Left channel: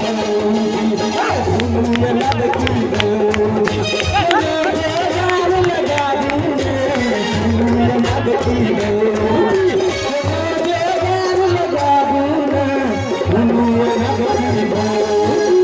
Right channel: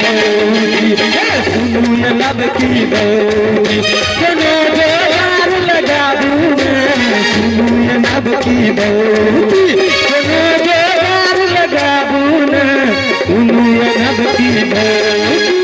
बोली सुनू ये लब की बोली यार लगा दूंगा सुनू ये लब की बोली यार लगा दूंगा सुनू ये लब की बोली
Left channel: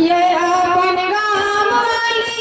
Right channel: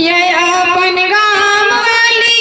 ये अपन गाँव वाली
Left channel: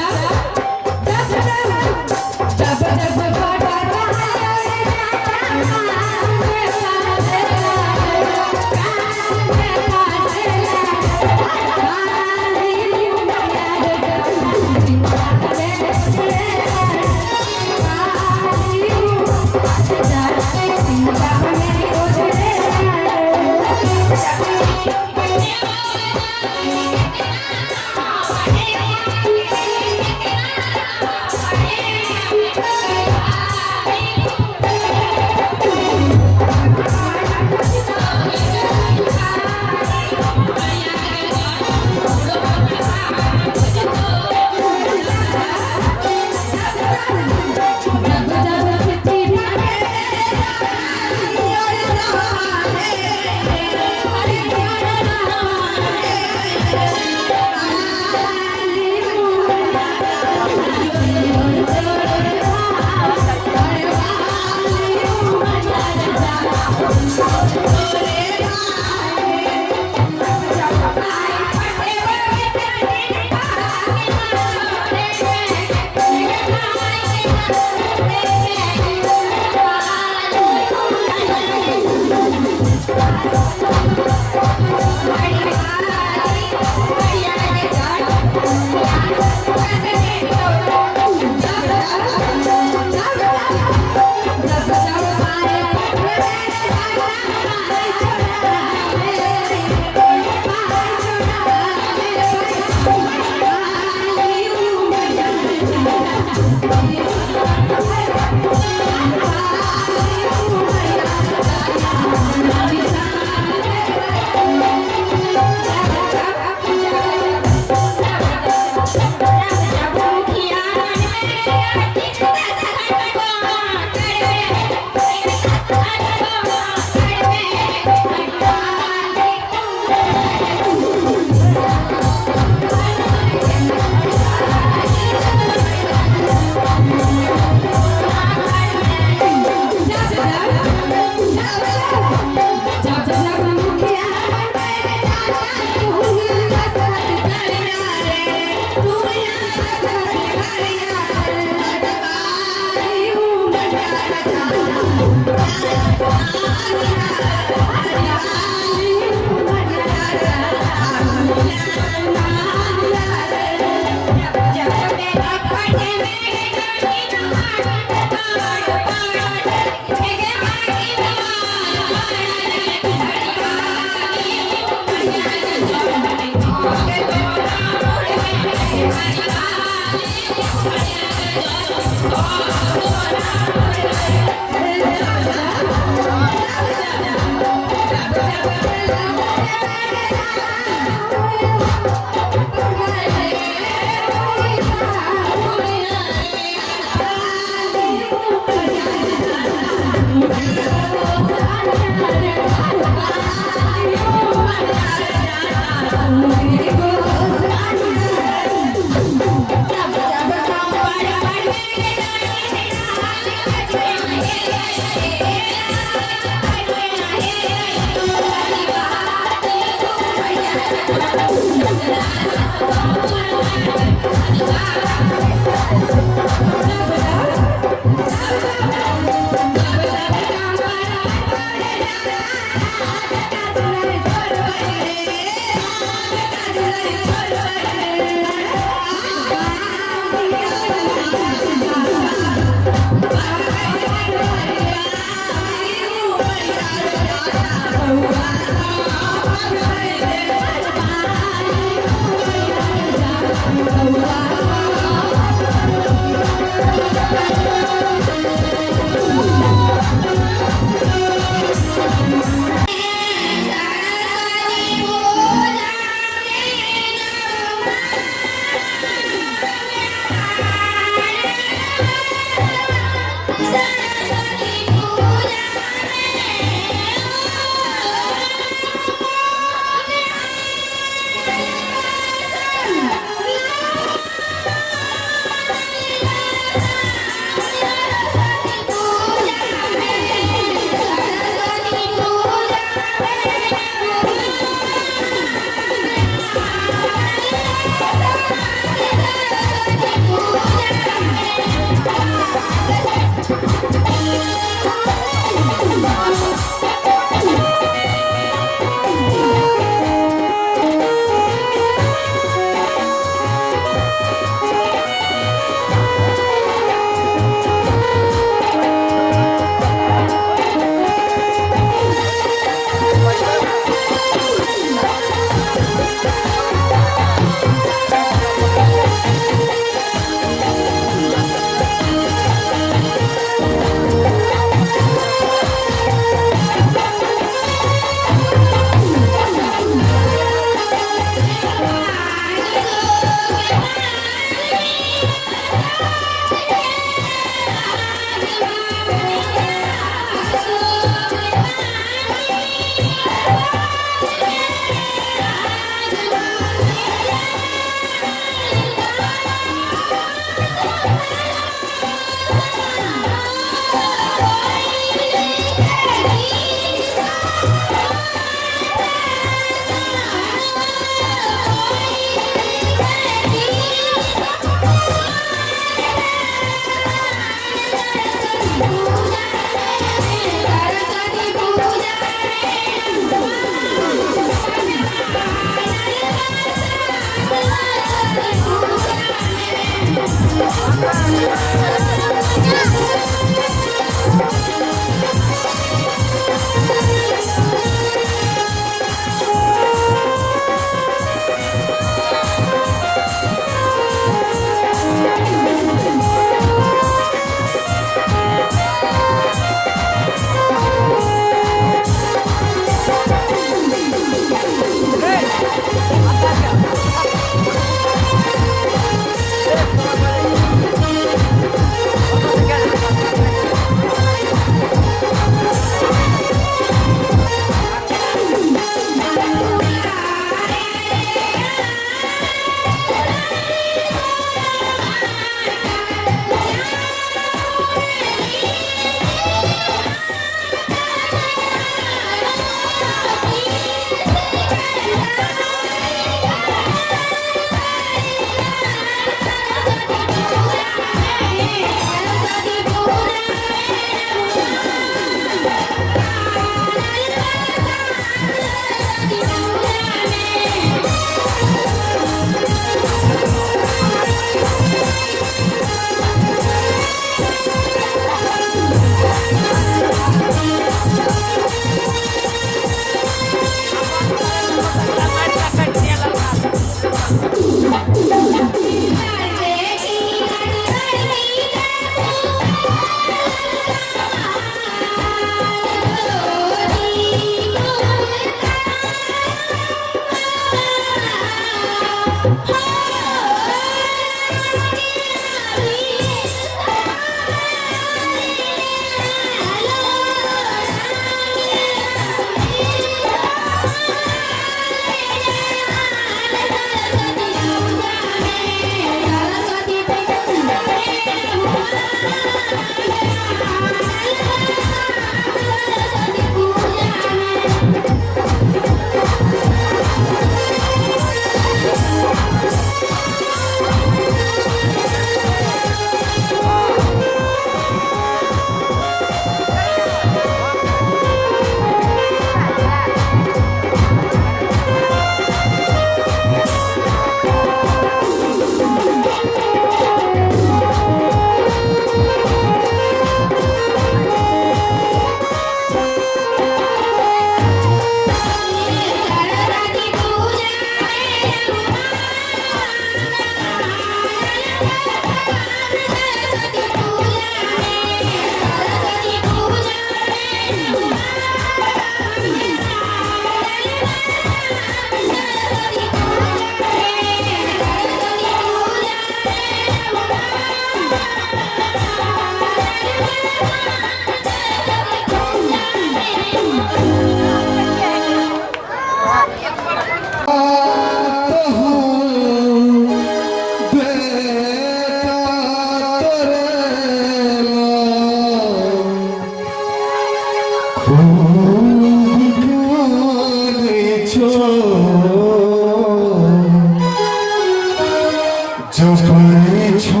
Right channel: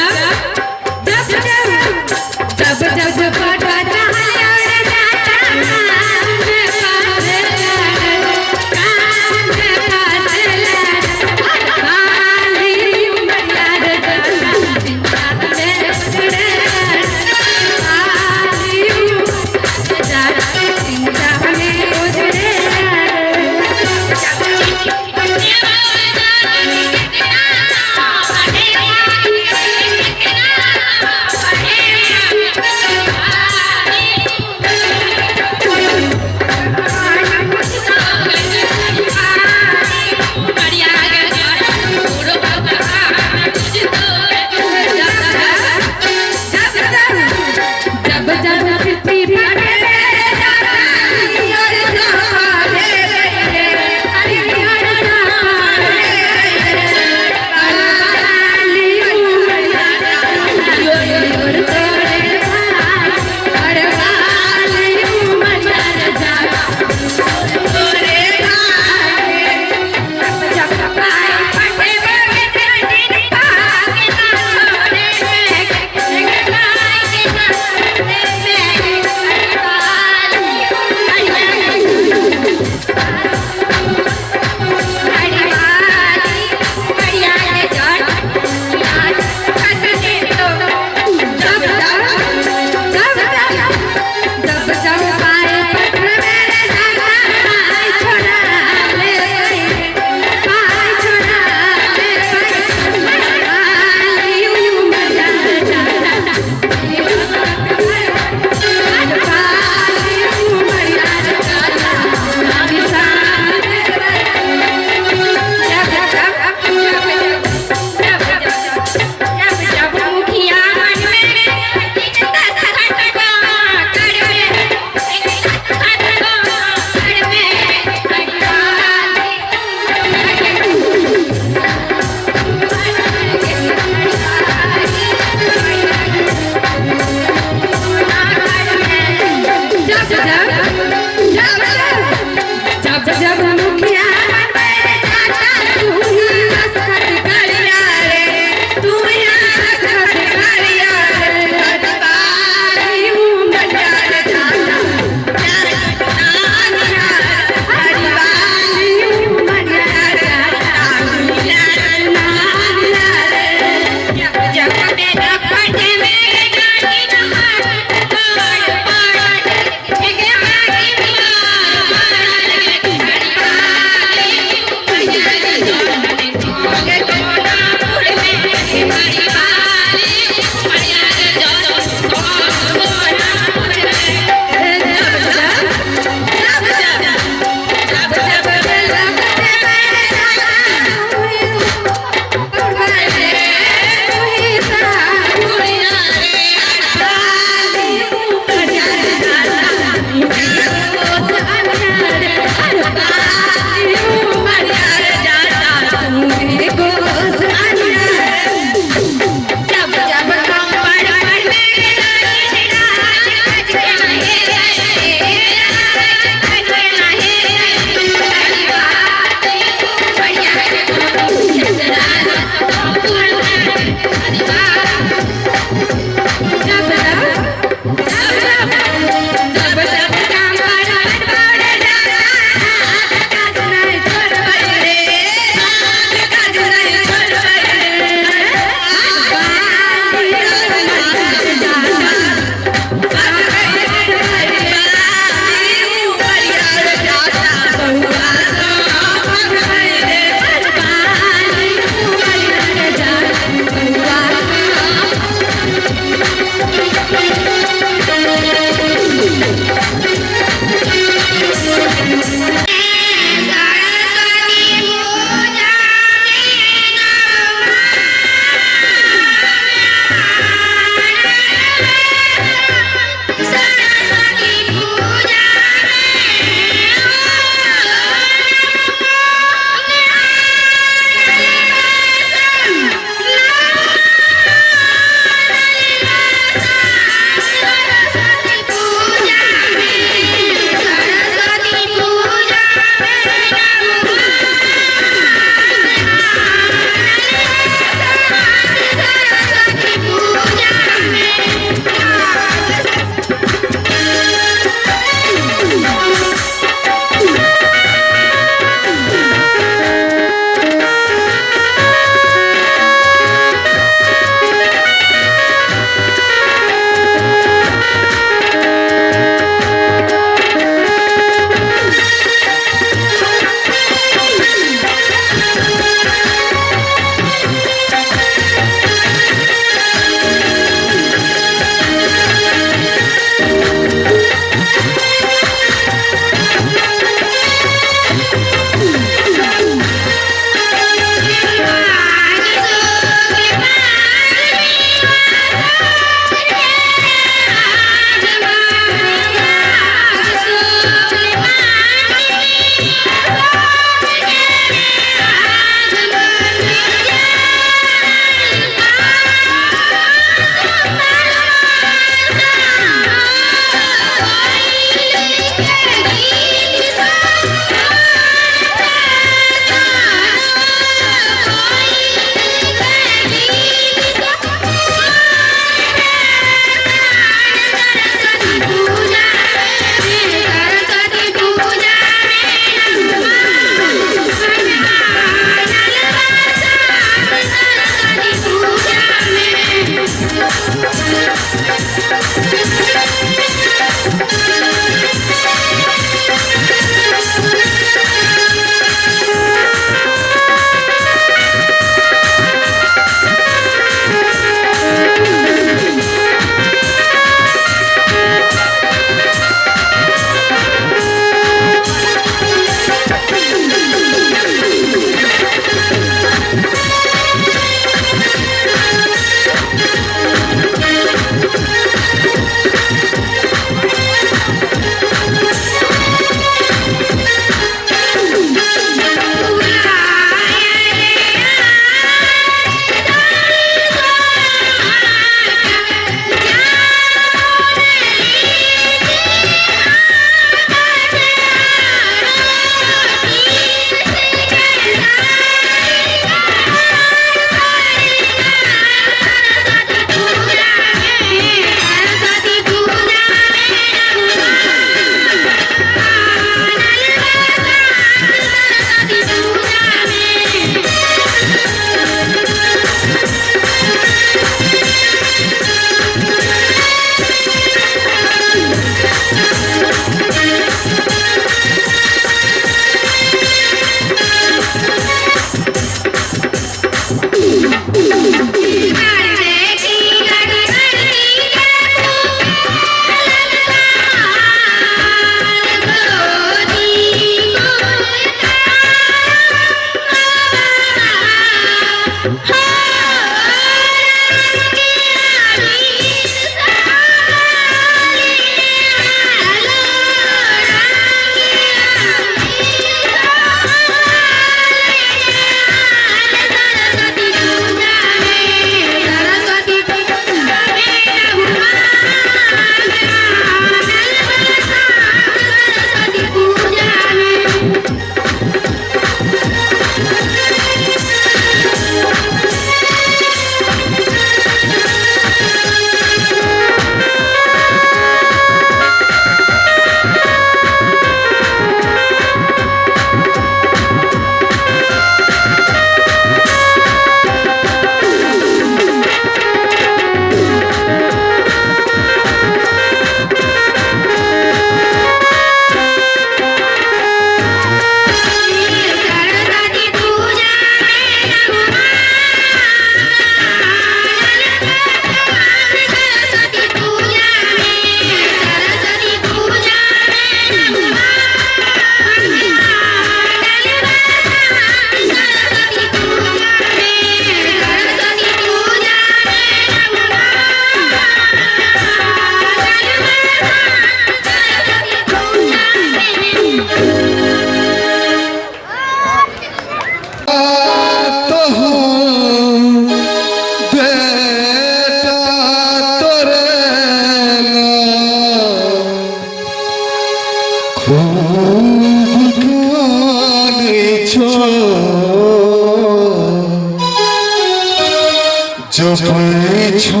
जपै छो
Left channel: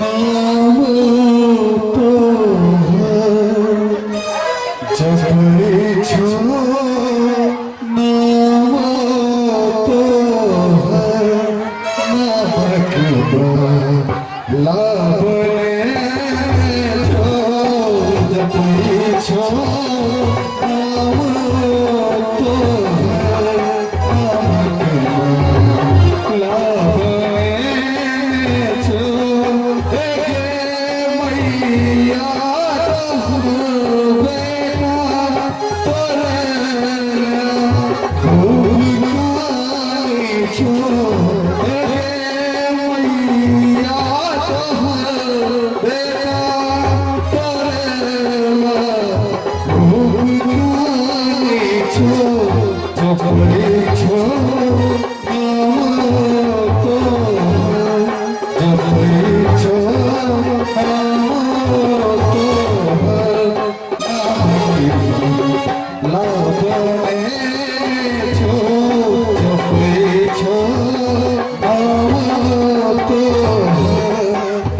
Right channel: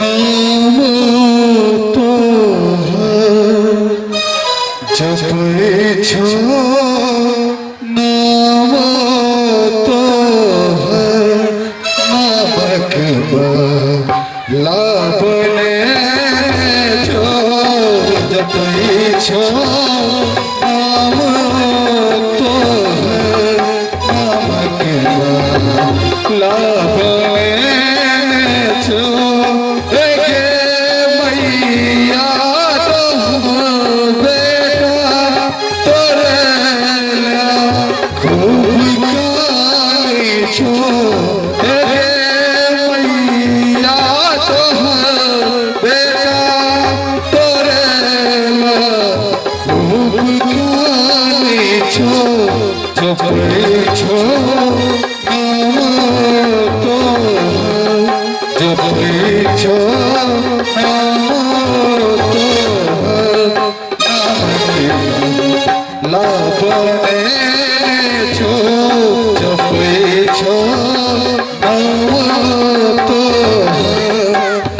नाम तोहर जपै छो नाम तोहर नामक लाबने छो जपै छो नाम तोहर नामक लाबने छो गे मैया तोहर बेटा तोरे खूब गाय छो गे मैया तोहर बेटा तोरे खूब गाय छो जपै छो नाम तोहर जपै छो नाम तोहर लाबने छो जपै छो नाम तोहर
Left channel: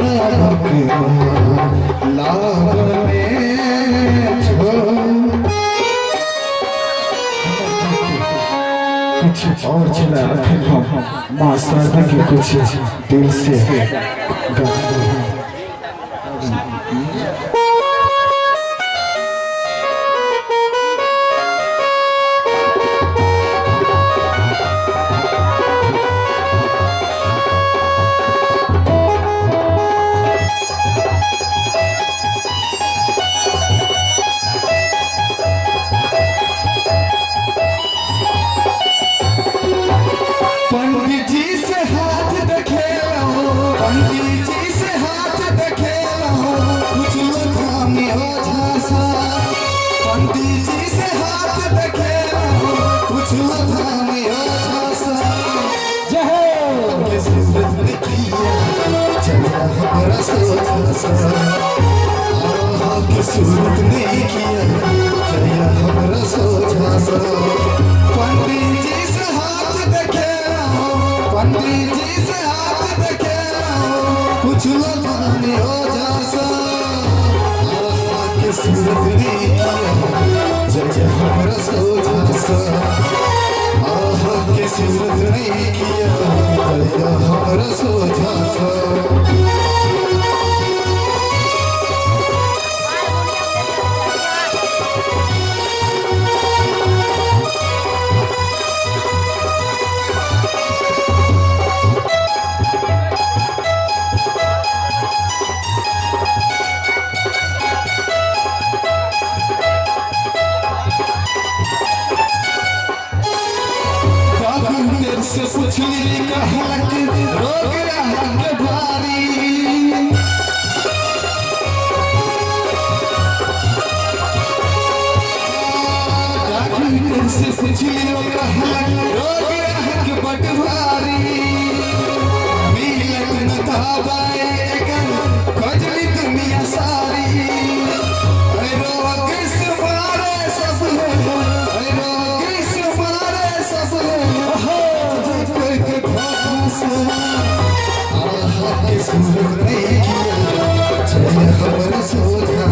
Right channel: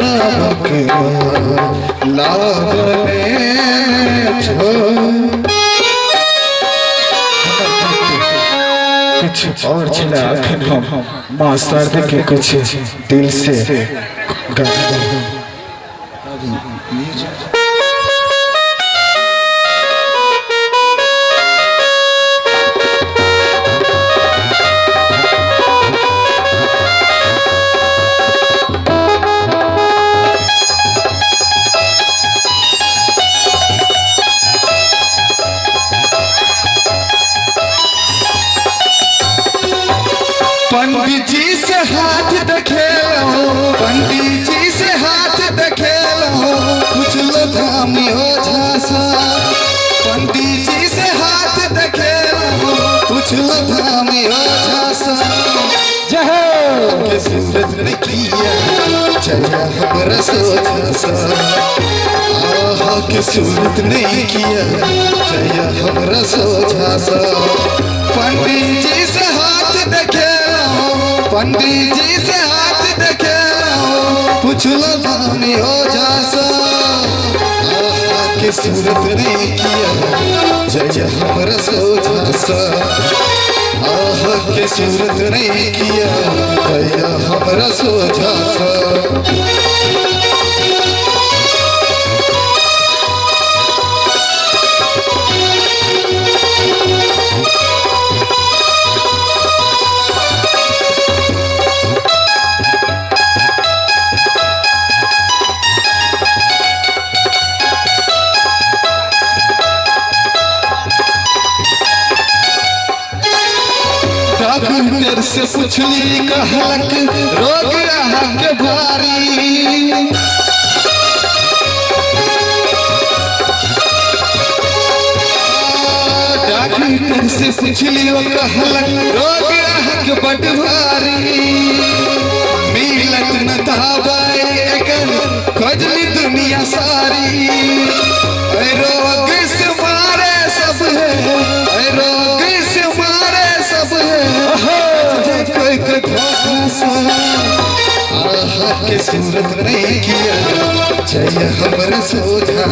नामक लाबने छो। कुछ और चला हम माँ शारदा के कुछ दिल से गाते हैं। पंडित जी से हाथ देखे लो पंडित जी से हाथ देखे लो कुछ लोग धामी हो झांसा पंडित जी से हाथ देखे लो कुछ लोग धामी हो झांसा जय सूरज ने किया चला हमारा सोचा आहा के सूरज ने किया चला हमारा सोचा पंडित जी से हाथ देखे पंडित जी से हाथ देखे कुछ लोग धामी हो झांसा आहा के सूरत नहीं किया जय हमारा सोचा आहा के सूरत नहीं किया जय हमारा सोचा डॉक्टर से पूछली कहलक रोग के भारी डॉक्टर से पूछली वो कहलक रोग के बड़ भारी मिलत न दवाई एकर खोजली दुनिया सारी रोग से मारे सब है रोग से मारे सब है आहा के सूरत नहीं किया जय हमारा सोचा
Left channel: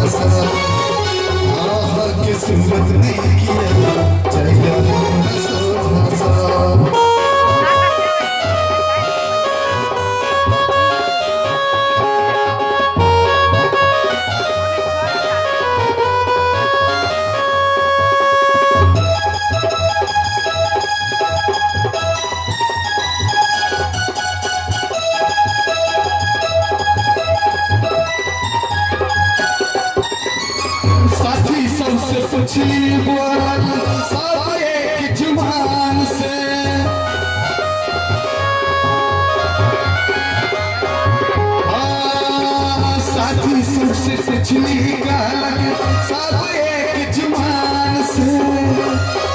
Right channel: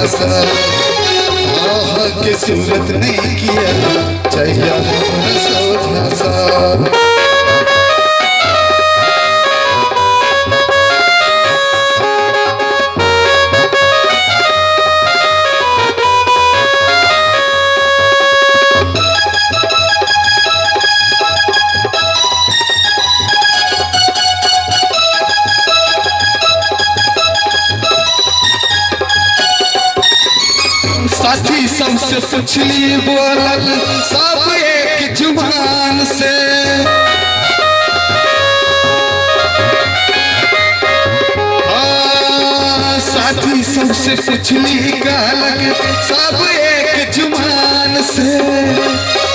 आहा के सूरत नहीं किया जय हमारा सोचा साथी सबसे पूछली बोलल सब एक जुबान से साथी सबसे पूछली कहलक सब एक जुबान से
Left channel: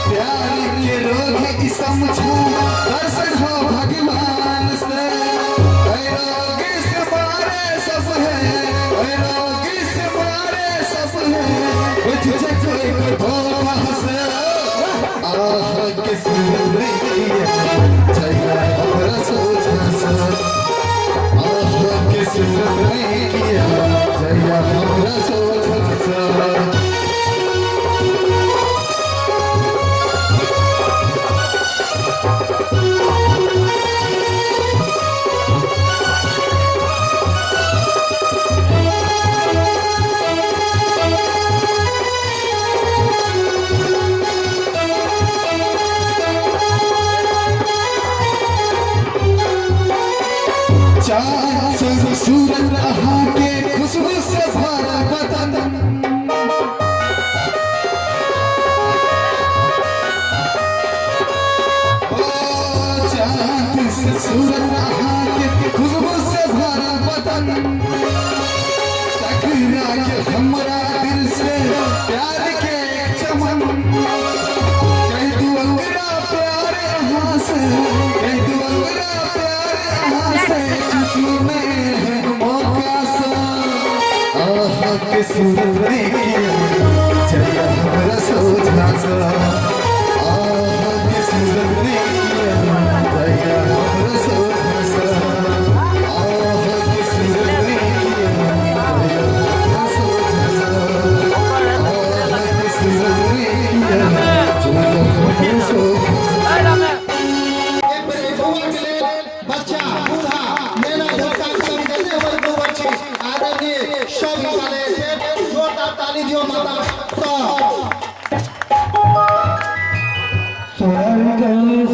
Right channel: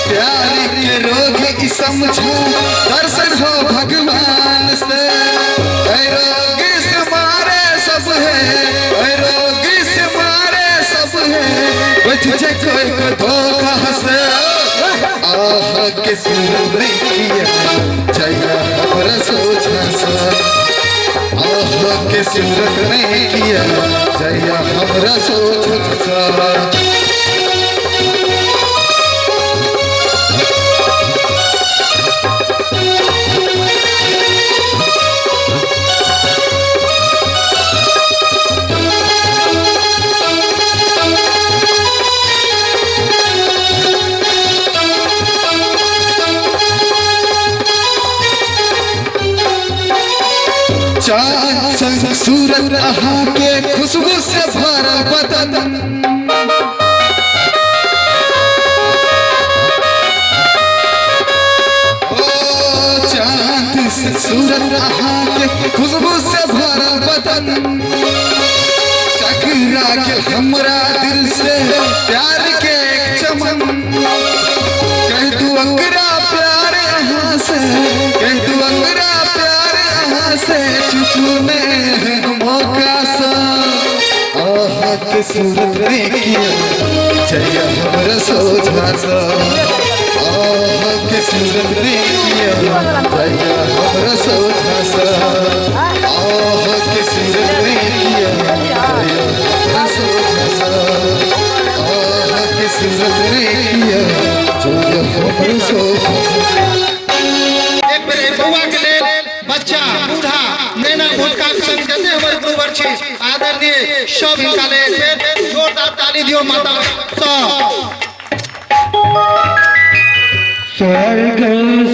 प्यार के रोग की समझो दर्शन हो भगवान से रोग से मारे सब है रोग से मारे सब है तुझे कोई धोखा से के सूरत में किया जया हमरा सोचा सा के सूरत में किया जया हमरा सोचा सा चांद से सूरत रहा के खुशबू से भरा बदन ओ चांद से सूरत रहा के खुशबू से भरा बदन टकरा के हमरा दिल से प्यार के एक चमन कह तू अंगरा प्यार यहाँ से कह तू अंगरा प्यार यहाँ से में मौका सा आहा के सूरत में किया जया हमरा सोचा सा आहा के सूरत में किया जया हमरा सोचा सा आहा के सूरत में किया जया हमरा सोचा सा आहा के सूरत में किया जया हमरा सोचा सा एक बेर बउआ के लेल बच्चा बूढ़ा नैना भोटका संग जते हमर गुरुवर छी आदरणीय सब काले फेर जोरदार ताली दियो माता स्वर्ग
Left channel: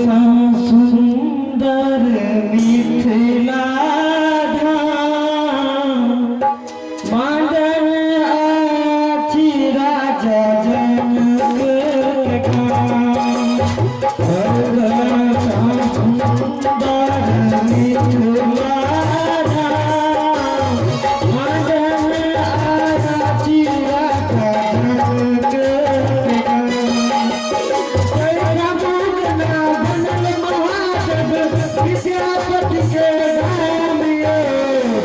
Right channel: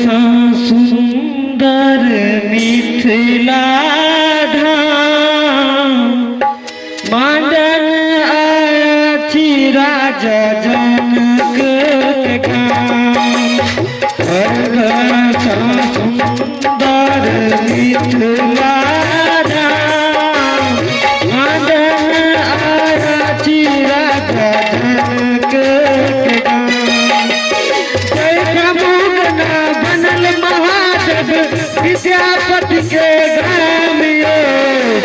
सा सुंदर मिथिला धाम मांडन आछि राजा जनक गाम स्वर्ग सा सुंदर मिथिला धाम मांडन आछि राजा जनक गाम बनल महादेव विद्यापति के गाम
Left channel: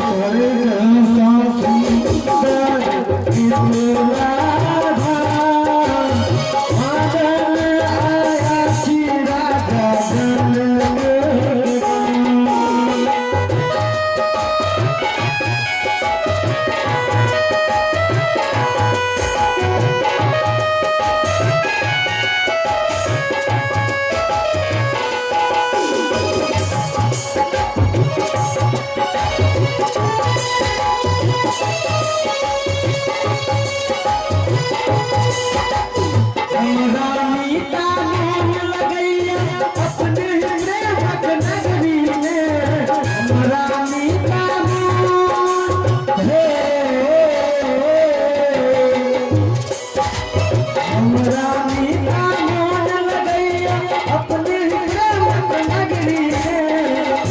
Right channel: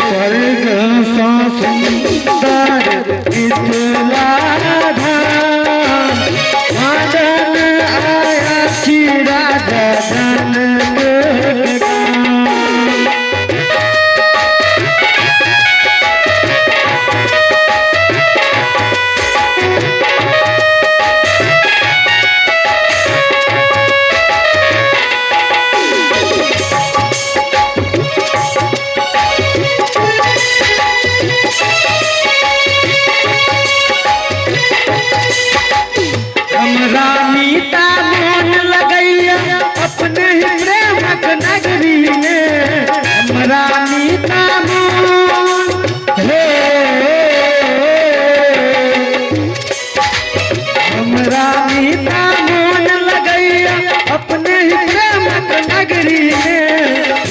स्वर्ग सा सुंदर मिथिला धाम मांडन आया छी राजा जनक गाम हमरा मीता मोन लगैया अपने ही प्रेमक नगरी में हमरा मीता मोन हे हमरा मीता मोन लगैया अपने ही प्रेमक नगरी में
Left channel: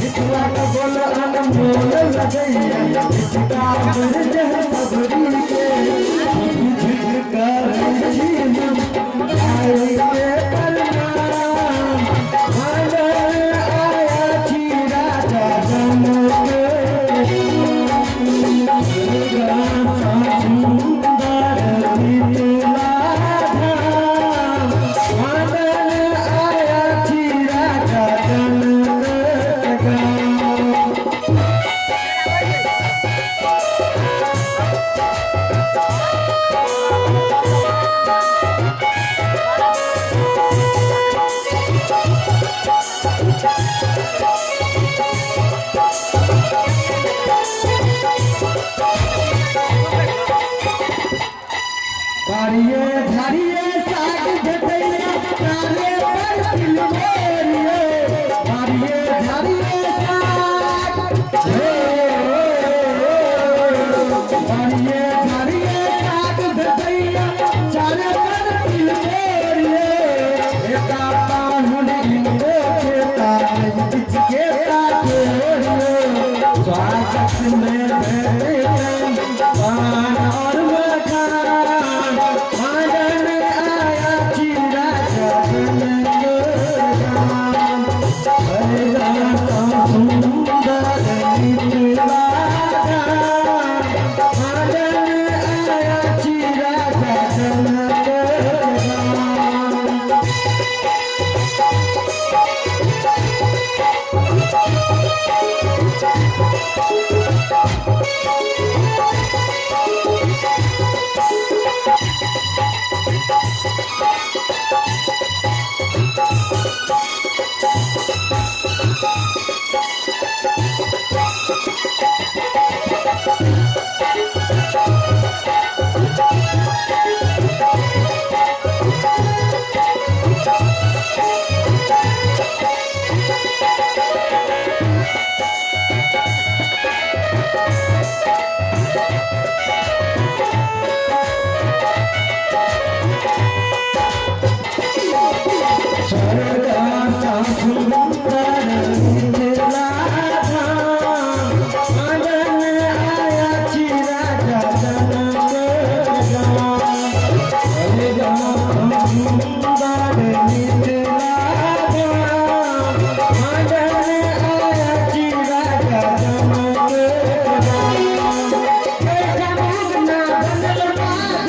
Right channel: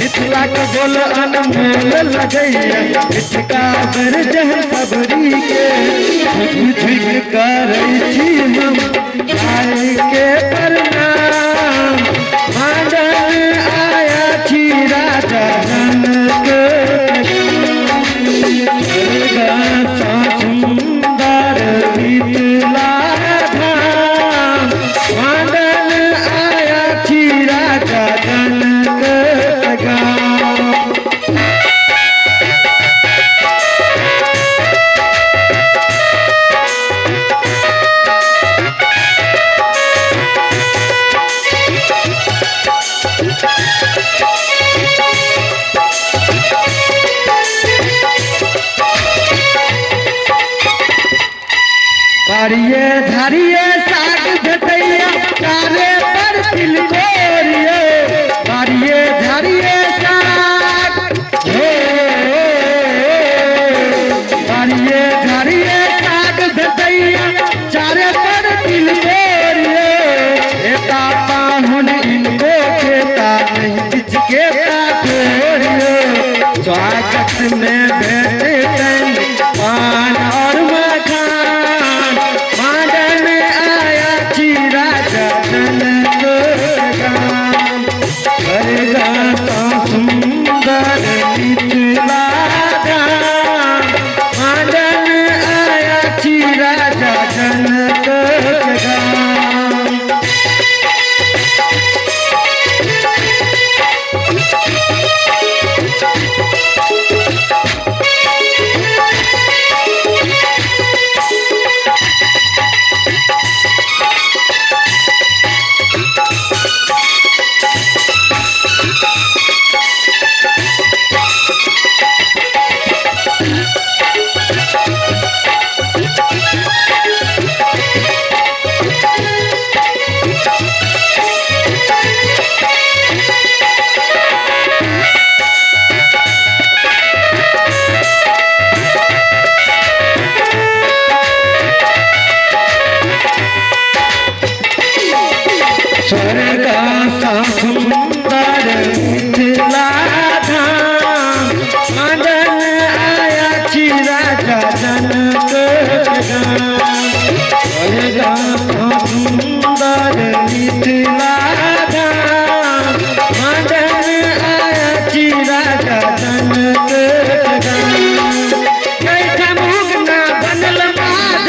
मिथिला के बोल अनमोल लगैया मिथिला कर जह सबरी के झुझ करै छी हम आए के प्रणाम मांडन आया छी राजा जनक सुंदर मिथिला धाम मांडन आया छी राजा जनक गाम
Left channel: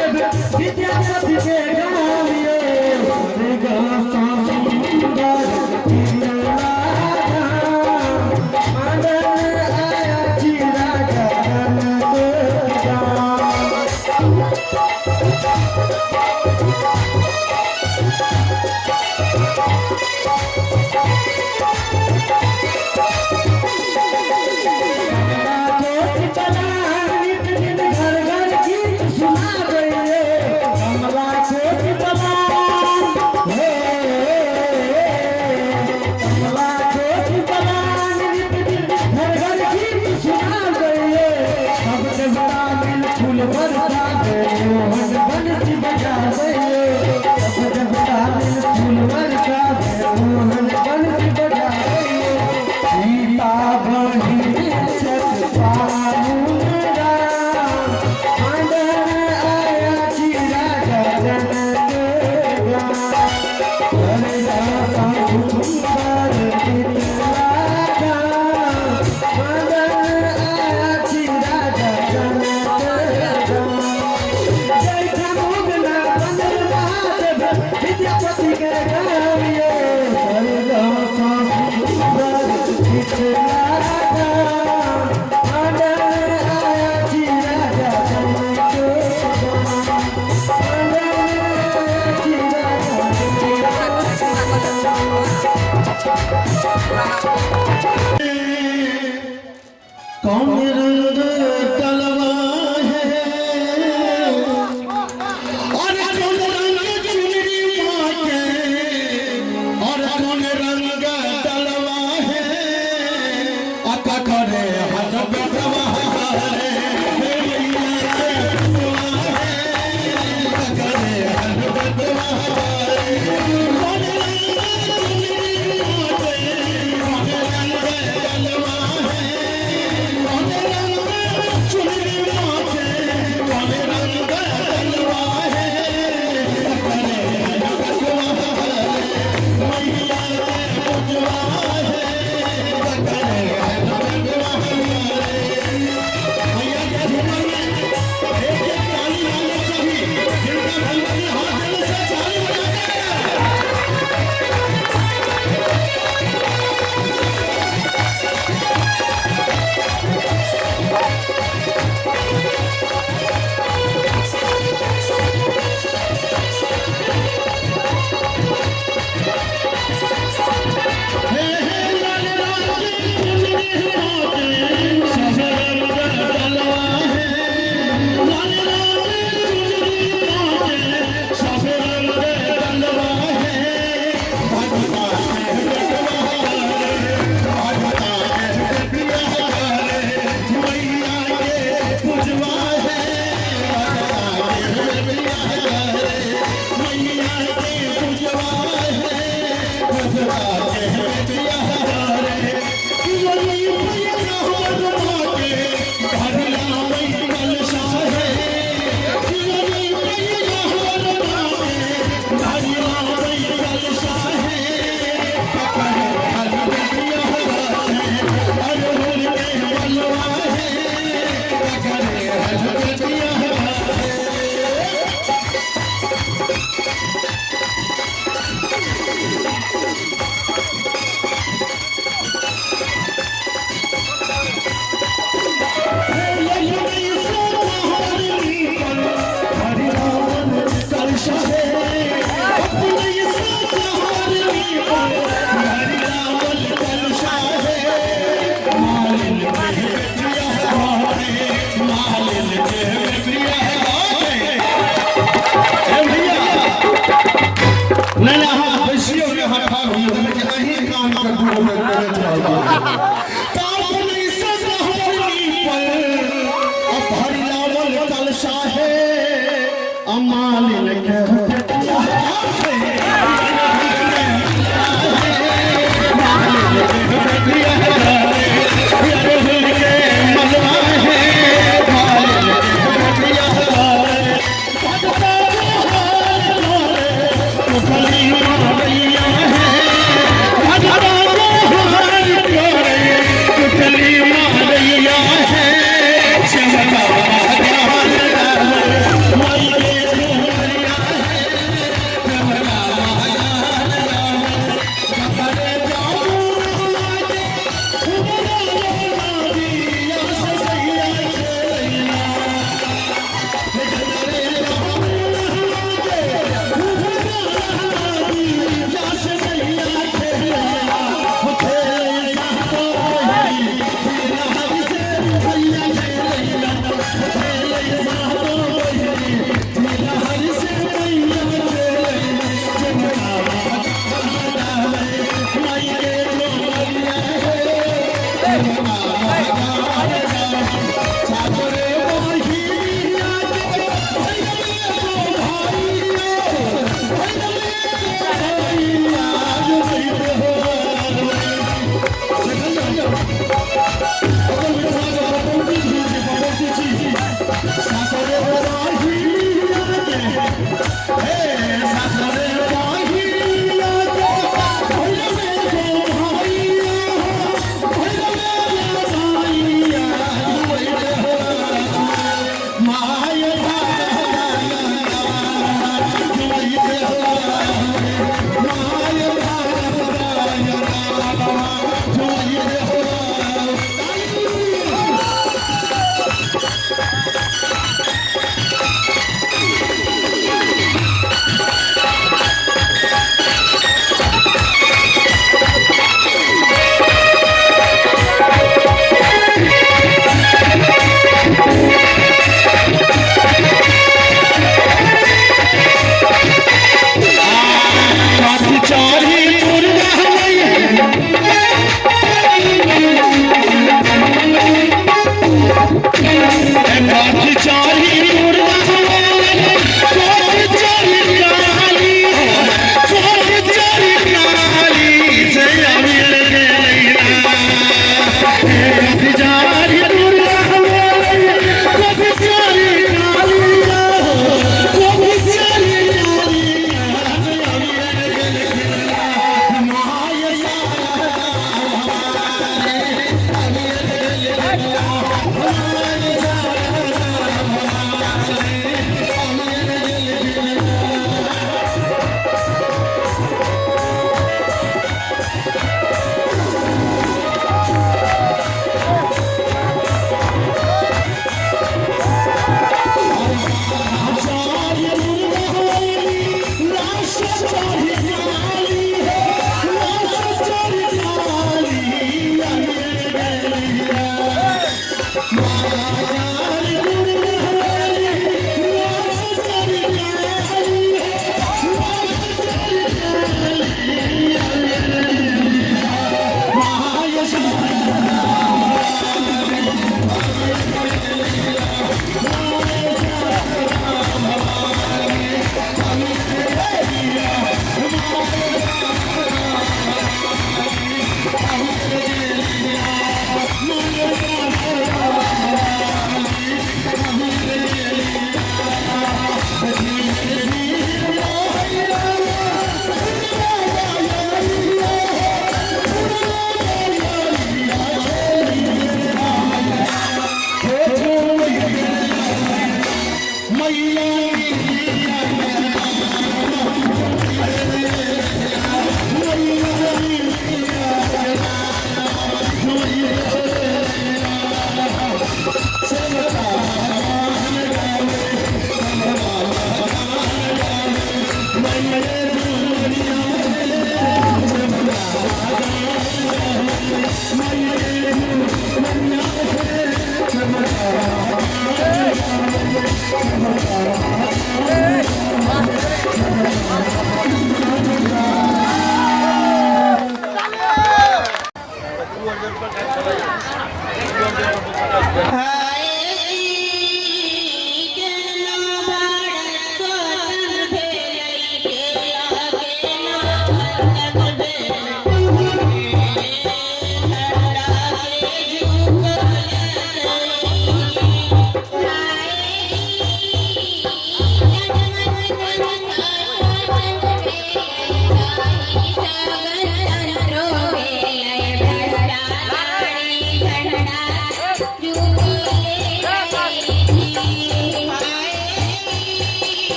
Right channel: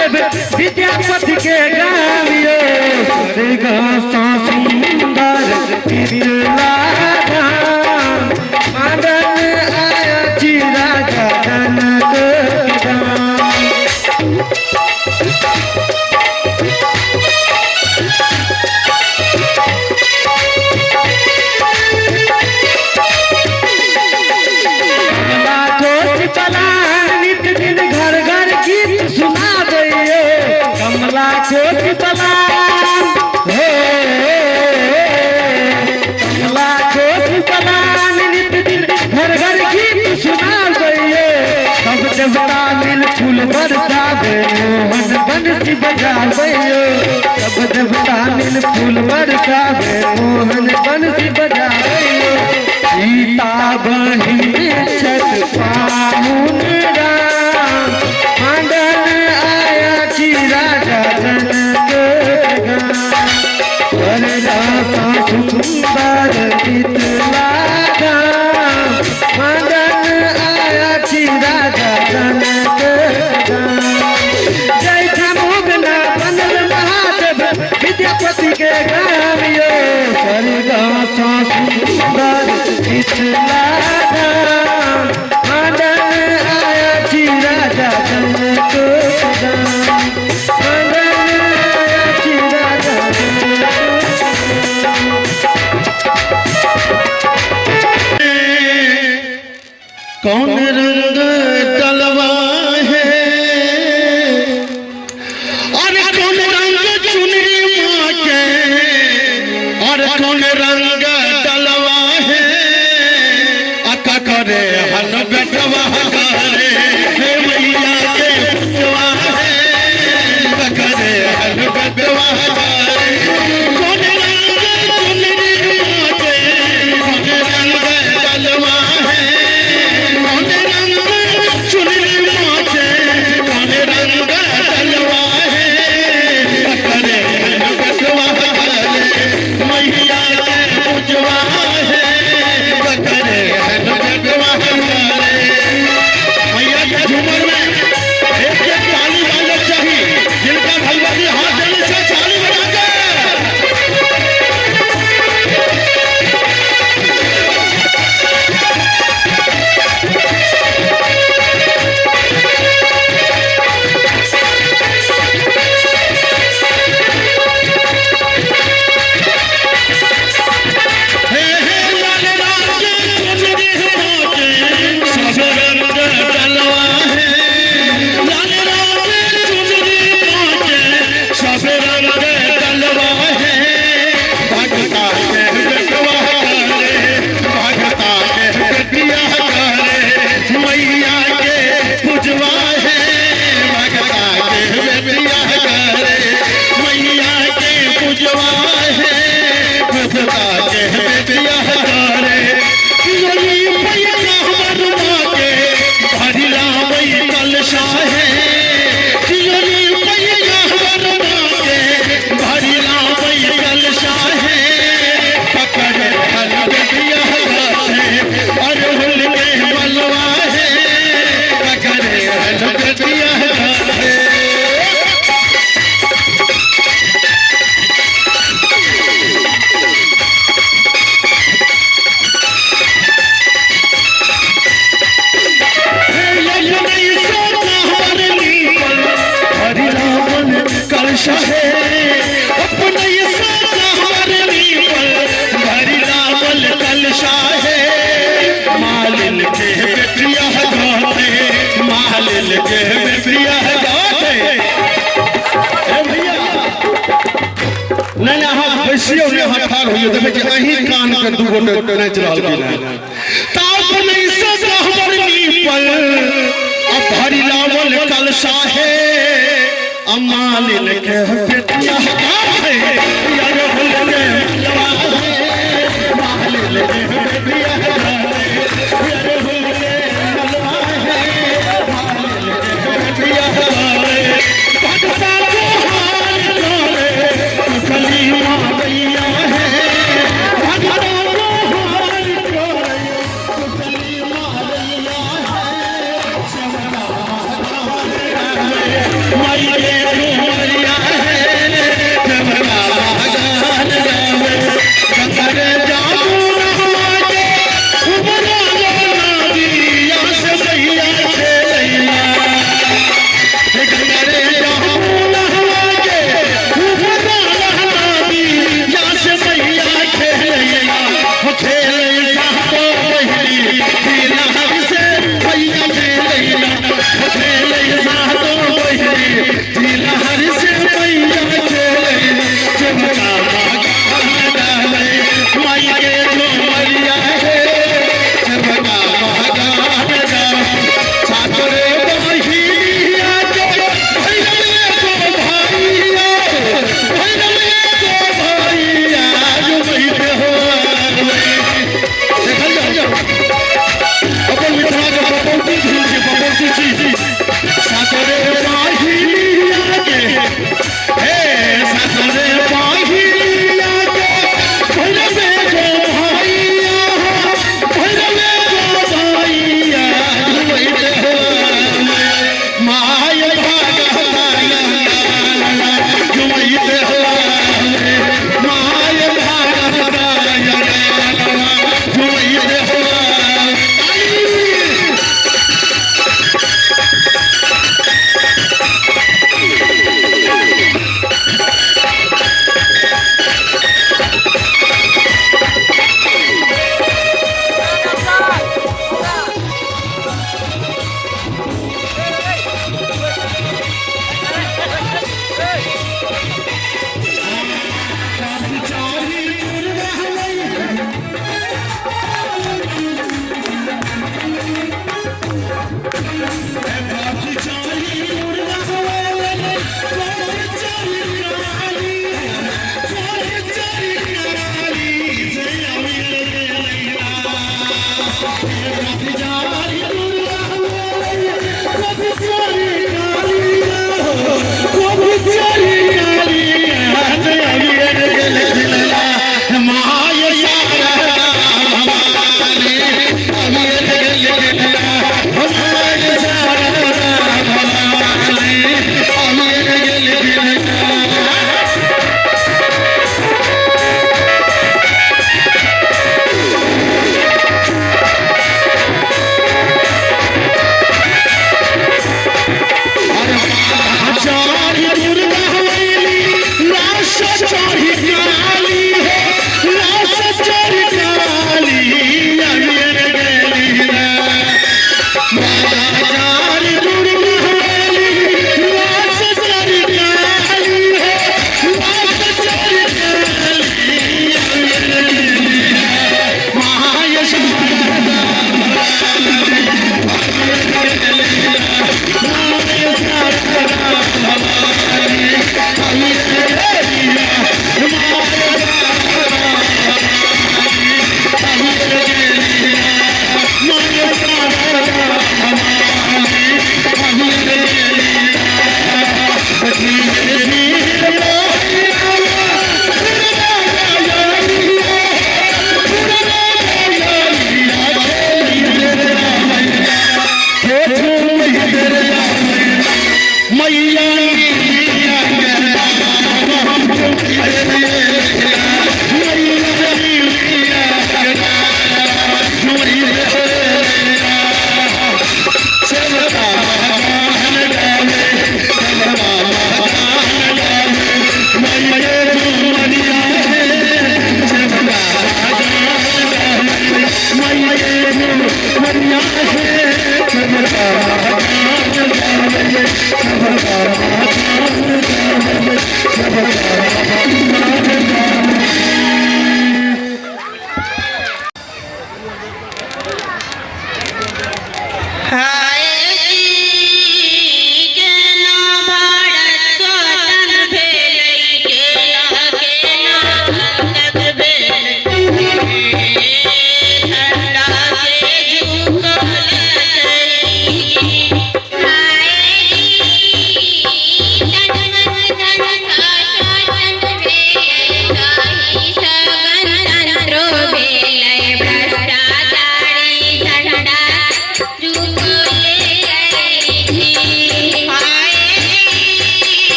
विद्यापति के गावियो स्वर्ग सा सुंदर तिरला धाम मदन आया जी राजा जनक सब देवता मिल फूल बरसावे मोहन बंसी बजावे सीता बहिन छठ पाहुन राम मदन आया जी राजा जनक वरदासा सुंदर शीतला धाम मदन आया जी राजा जनक विद्यापति के गावियो स्वर्ग सा सुंदर शीतला धाम मदन आया जी राजा जनक मदन आया जी राजा कौन रंग डलवा है और कौन रंग चुनरी माँ के और कौन रंग डलवा है अका करे हन बेटवा करे हे मैया के बेटवा है अका करे हन बेटवा करे कौन रंग चुनरी माँ के कौन रंग डलवा है कौन रंग चुनरी माँ के कौन रंग डलवा है करे हन बेटवा करे मैया के पूजवा है करे हन बेटवा करे मैया के झूमर में एक एक ताली वाले चाहिए जिनका भगवान हाथ देने से ताली बजाकर हे हे लाल राज चुनरी माते सब रंग डलवा है लाल राज चुनरी माते सब रंग डलवा है भगता के बेटवा करे भगता के बेटिया करे मैया के पूजवा है भगता के बेटिया करे मैया के पूजवा है भगता के बेटिया करे कियोली मैया हमर माँ के भरिला वही कलशा है कियोली मैया हमर माँ के भरिला वही कलशा है पकड़े हन बेटिया है अरहुल के बलवा है पकड़े हन बेटिया है कहियो देखे कि अही कान के दूगो टच रहल बिना ताप नहीं सब हमर पर अब भरी लावल कलशा है अमालिन के पेटिया है यार भूलने मालिन के पेटिया है यार भूलने मलवा है मालिन के पेटिया है भटका कुठली मारैया है भटका कुठली मारैया है चमका माई के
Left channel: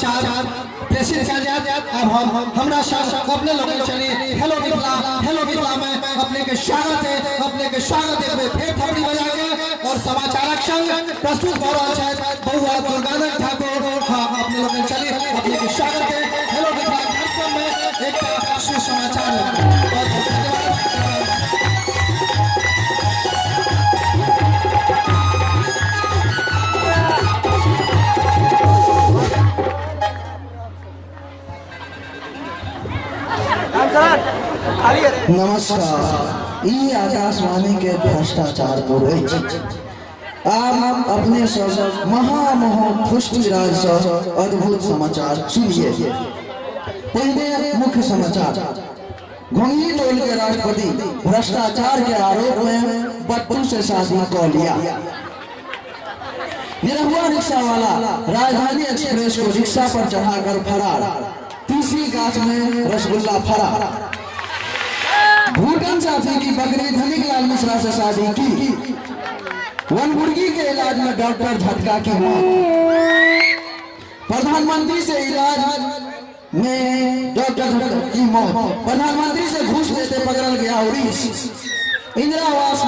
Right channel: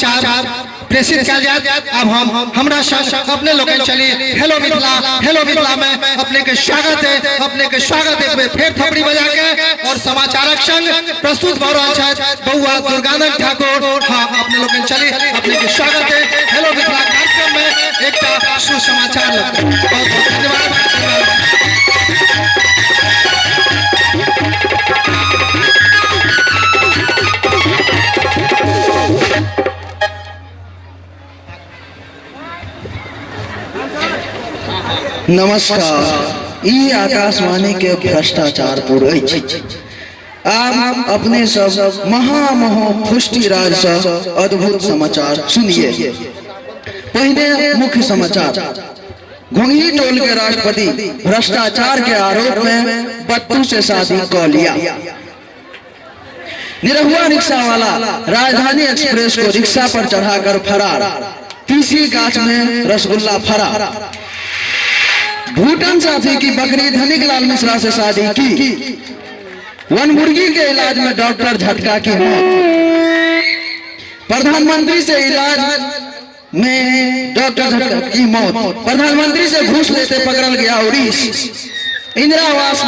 समाचार प्रेषित किया जाए। अब हम हमरा संग अपने लोग चली हेलो मिथिला में अपने के स्वागत है फेर थपड़ी बजा के और समाचारक संग प्रस्तुत भ रहल है बउआ दुर्गानंद ठाकुर। हाँ अपने लोग चली अपने के स्वागत है हेलो मिथिला कार्यक्रम में एक सुसमाचार। बहुत बहुत धन्यवाद। नमस्कार। ई आकाशवाणी के भ्रष्टाचार पूरे आप अपने सब महामहो पुष्टि राज सब अद्भुत समाचार सुनिए। पहले मुख्य समाचार। घोंघी टोल के राष्ट्रपति भ्रष्टाचार के आरोप में बत्तू से शादी कर लिया। निरहुआ रिक्शा वाला राजधानी एक्सप्रेस को रिक्शा पर चढ़ाकर फरार। तीसरी गाछ में रसगुल्ला फरार। भूटान साथी की बकरी धनिक लाल मिश्रा से शादी की। वन मुर्गी के इलाज में डॉक्टर झटका की मौत। प्रधानमंत्री से इलाज में डॉक्टर झटका की मौत। प्रधानमंत्री से घूस लेते पकड़ल गया उड़ीस। इंदिरा आवास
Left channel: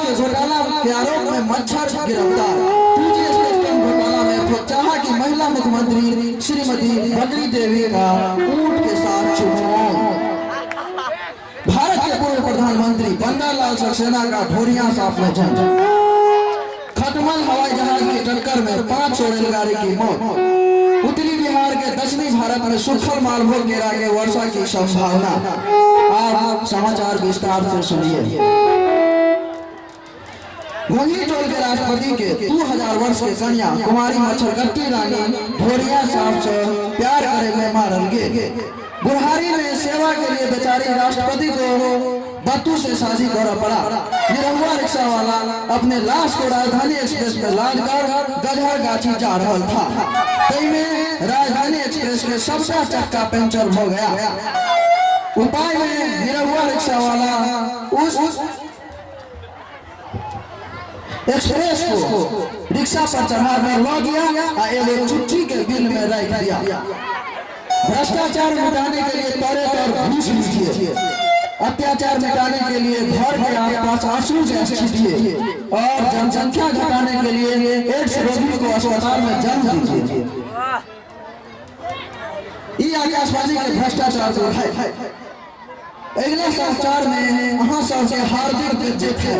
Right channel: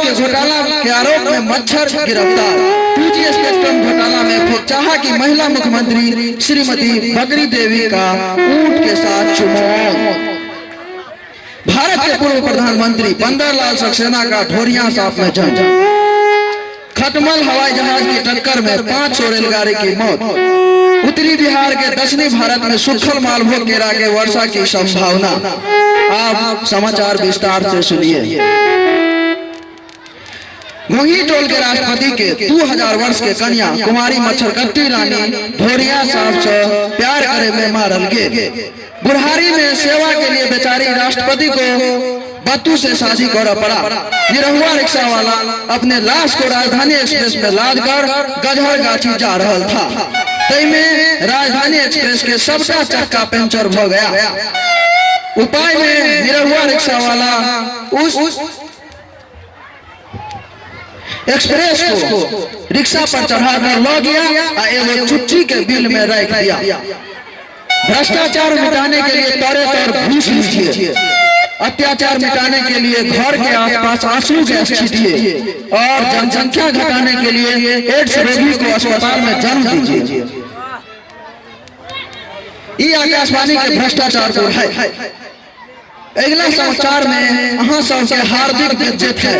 के घोटाला के आरोप में मच्छर गिरफ्तार। टीजीएस स्पेक्ट्रम घोटाला में फिर चाहा कि महिला मुख्यमंत्री श्रीमती बकरी देवी का ऊंट के साथ चुनाव। भारत के पूर्व प्रधानमंत्री बंदरलाल सक्सेना का ढोरिया साफ में जंग। खटमल हवाई जहाज की टक्कर में 500 रेलगाड़ी की मौत। उत्तरी बिहार के दक्षिणी भारत में सूखल मालभोग गिरा के वर्षा की संभावना। आप समाचार विस्तार से सुनिए। घोंघी टोल के राष्ट्रपति के 2000 वर्ष के कन्या कुमारी मच्छरकट्टी रानी ढोरिया साहब से प्यार करे में मारल गए। बुढ़ारी में सेवा के लिए बेचारी राष्ट्रपति को बत्तू से शादी करना पड़ा। निरहुआ रिक्शा वाला अपने लाश को राजधानी एक्सप्रेस में लाद कर गजहर गाछी जा रहा था। तई में राजधानी एक्सप्रेस के सबका चक्का पंचर हो गया। उपाय में निरहुआ रिक्शा वाला उस एक्सप्रेस को रिक्शा पर चढ़ाकर लो गया और एगो चुट्टी के बिल में रख दिया। भ्रष्टाचार मिटाने के लिए तौरे तौर घूस लीजिए। अत्याचार मिटाने के लिए घर के आसपास आंसू गैस छीटिए और जनसंख्या घटाने के लिए एड्स रोगी को अस्पताल में जन्म दीजिए। ये आकाशवाणी के भ्रष्टाचार को है। अगला समाचार में अहाँ सबके हार्दिक बेइज्जत है।